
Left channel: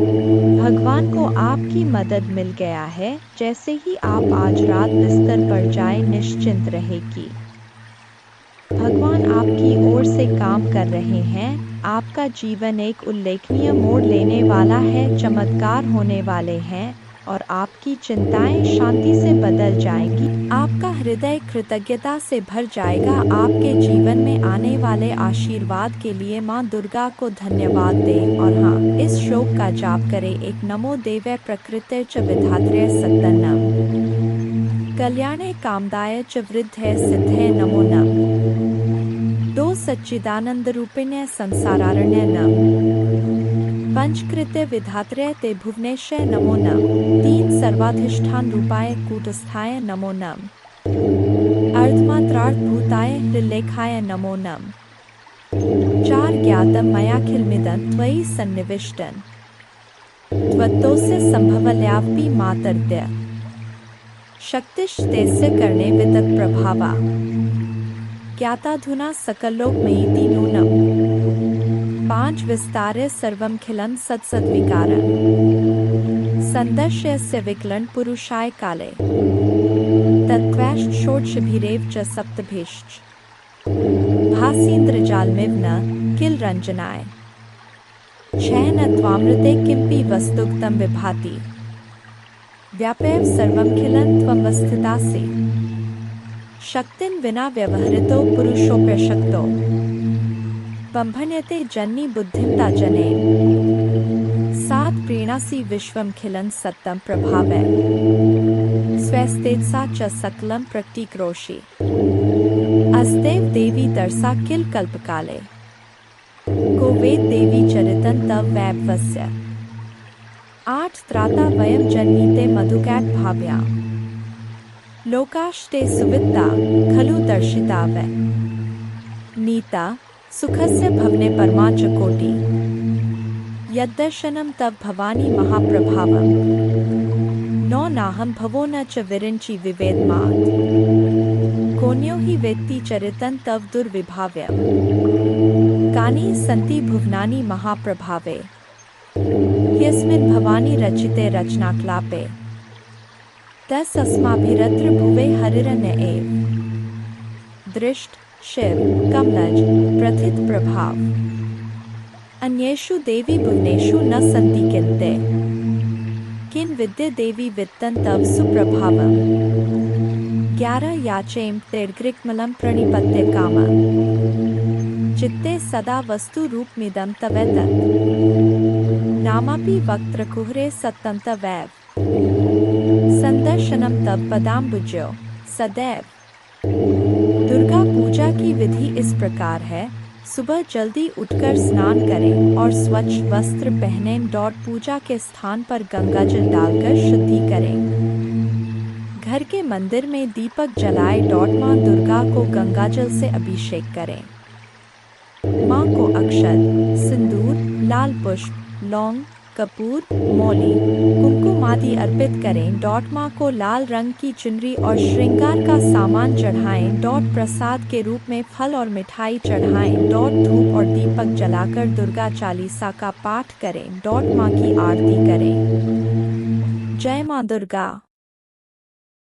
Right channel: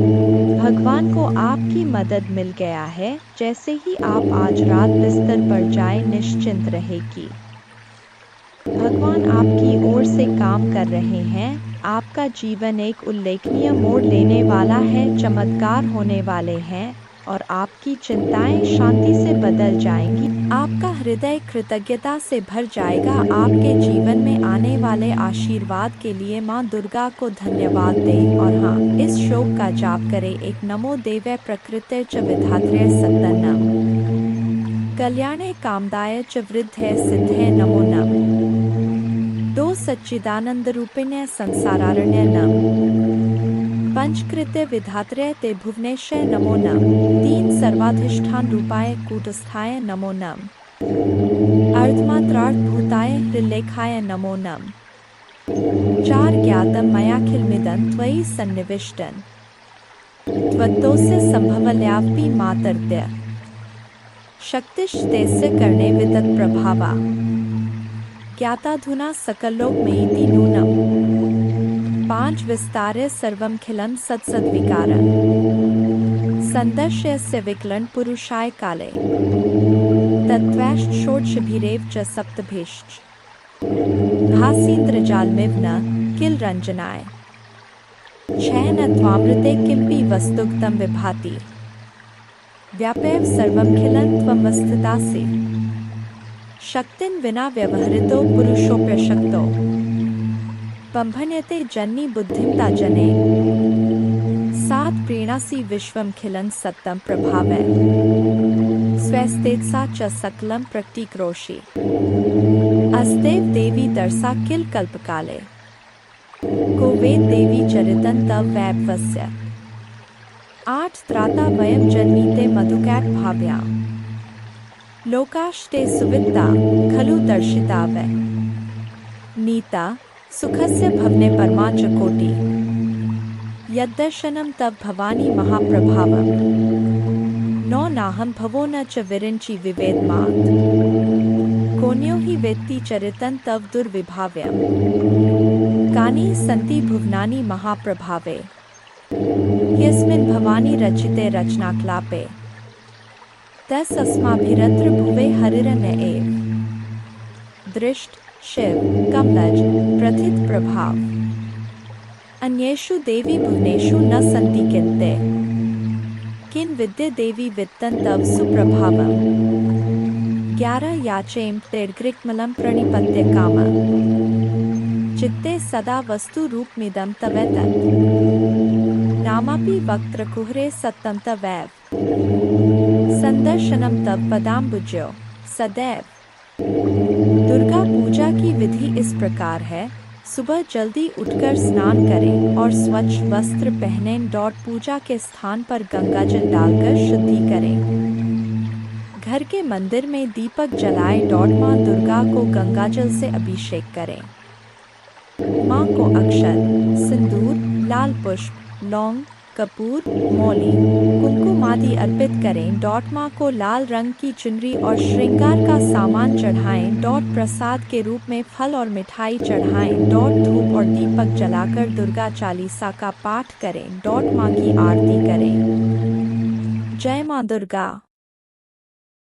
भगवान को आपकी मदद मिल गया है। जैसे ही आप आज रात बिस्तर पर जाएं, निश्चिंत रहें कि भगवान आपकी ओर से काम कर रहे हैं। आपका जीवन एक उल्लेखनीय मोड़ लेने वाला है, चमत्कार होने वाले हैं और आपकी चिंताएं शांति से बदल जाएंगी। आपका हृदय कृतज्ञता से भर जाएगा। आपके जीवन में आने वाले आशीर्वाद के लिए मां दुर्गा को धन्यवाद दें और हाँ, इस श्लोक का जाप करें। एक नमो देवै प्रकृते च विधात्रे सत्तन्नम कल्याणे कामदाय च वृद्धे सिद्धे नमो नम। 2 सच्चिदानंद रूपिण्य संसारारण्य नम। पंचकृत्य विधात्रे ते भुवनेश्वर नमो नम। 3 सर्वाधिष्ठान रूपाय कूटस्थाय नमो नम। अर्धमात्रार्थ भूताय हृल्लेखाय नमो नम। 4 ज्ञातम मयाखिलमिदं त्वयि सन्निविष्टं त्वत्तोस्य संभवल्यापि मातर्त्य शक्तिश्तेस्य कर्णे वितत प्रभावा ज्ञाताधुना सकलोकमयीति नूनम। 5 विस्तारे सर्वमखिलं सत्सद्विकारं संदर्श्यस्य विकलं पुरुषाय काले तत्त्वैश्च षोडशभिरेव च सप्तभिश्च भासीन्द्रजालमिव न किल रञ्जनाय 6 न त्वामृते किमपि वस्तुक्तं विभाति व्यापैव सर्वमखिलं त्वमवस्थितासि शक्तिं विना व्यवहृतो पुरुषोऽप्यशक्तो बम्भन्यते जन्नी बुद्धिमता जने 7 प्रीणासि विश्वमखिलं सत्तं प्रभावै स्वस्तेजसा च सकलं प्रतीक्रोषि अस्तेव देवी दर्शा किल कल्पकाले को वेद देवी चरितं तव वैभवस्य 8 त्राता वयं जन्मीते मधुकैट भाव्या लोकाश्ते सुवित्ता खलु दर्शिता वै नीता सुखस्य भवने परमाच कोटि यद्दर्शनं तव भवानी महाप्रभावम् 9 नाहं भवो न च विरिञ्चि विवेदमात् कोन्यो हि वेत्ति चरितं तव दुर्विभाव्यम् कानि सन्ति भुवनानि महाप्रभावे यस्मिन् भवानी रचिते रचनाक्लापे 10 अस्माभिरत्र भुवे हरिरण्य एव दृष्ट शिव कमलज प्रथित प्रभाव अन्येषु देवी भुवनेषु न सन्ति किन्ते किन विद्ये देवी वित्तं तव सुप्रभावम् 11 याचेम तेर्ग्रिक्मलं प्रणिपत्य काम चित्ते सदा वस्तु रूपमिदं तवेतत् नामापि वक्त्रकुहरे सत्तं तवैव संदर्शनम तव पदाम्बुजो सदैव। दुर्गा पूजा की विधि इस प्रकार है। सुबह जल्दी उठकर स्नान करें और स्वच्छ वस्त्र पहनें। पूजा के स्थान पर गंगा जल डालकर शुद्धि करें। घर के मंदिर में दीपक जलाएं। मां दुर्गा को गंगाजल से अभिषेक करें। मां को अक्षत, सिंदूर, लाल पुष्प, लौंग, कपूर, मौली, कुमकुम आदि अर्पित करें। माँ को लाल रंग की चुनरी और श्रृंगार का सामान चढ़ाएं। प्रसाद के रूप में फल और मिठाई चढ़ाएं। धूप और दीपक जलाकर दुर्गा चालीसा का पाठ करें। माँ की आरती करें। जय माँ दुर्गा।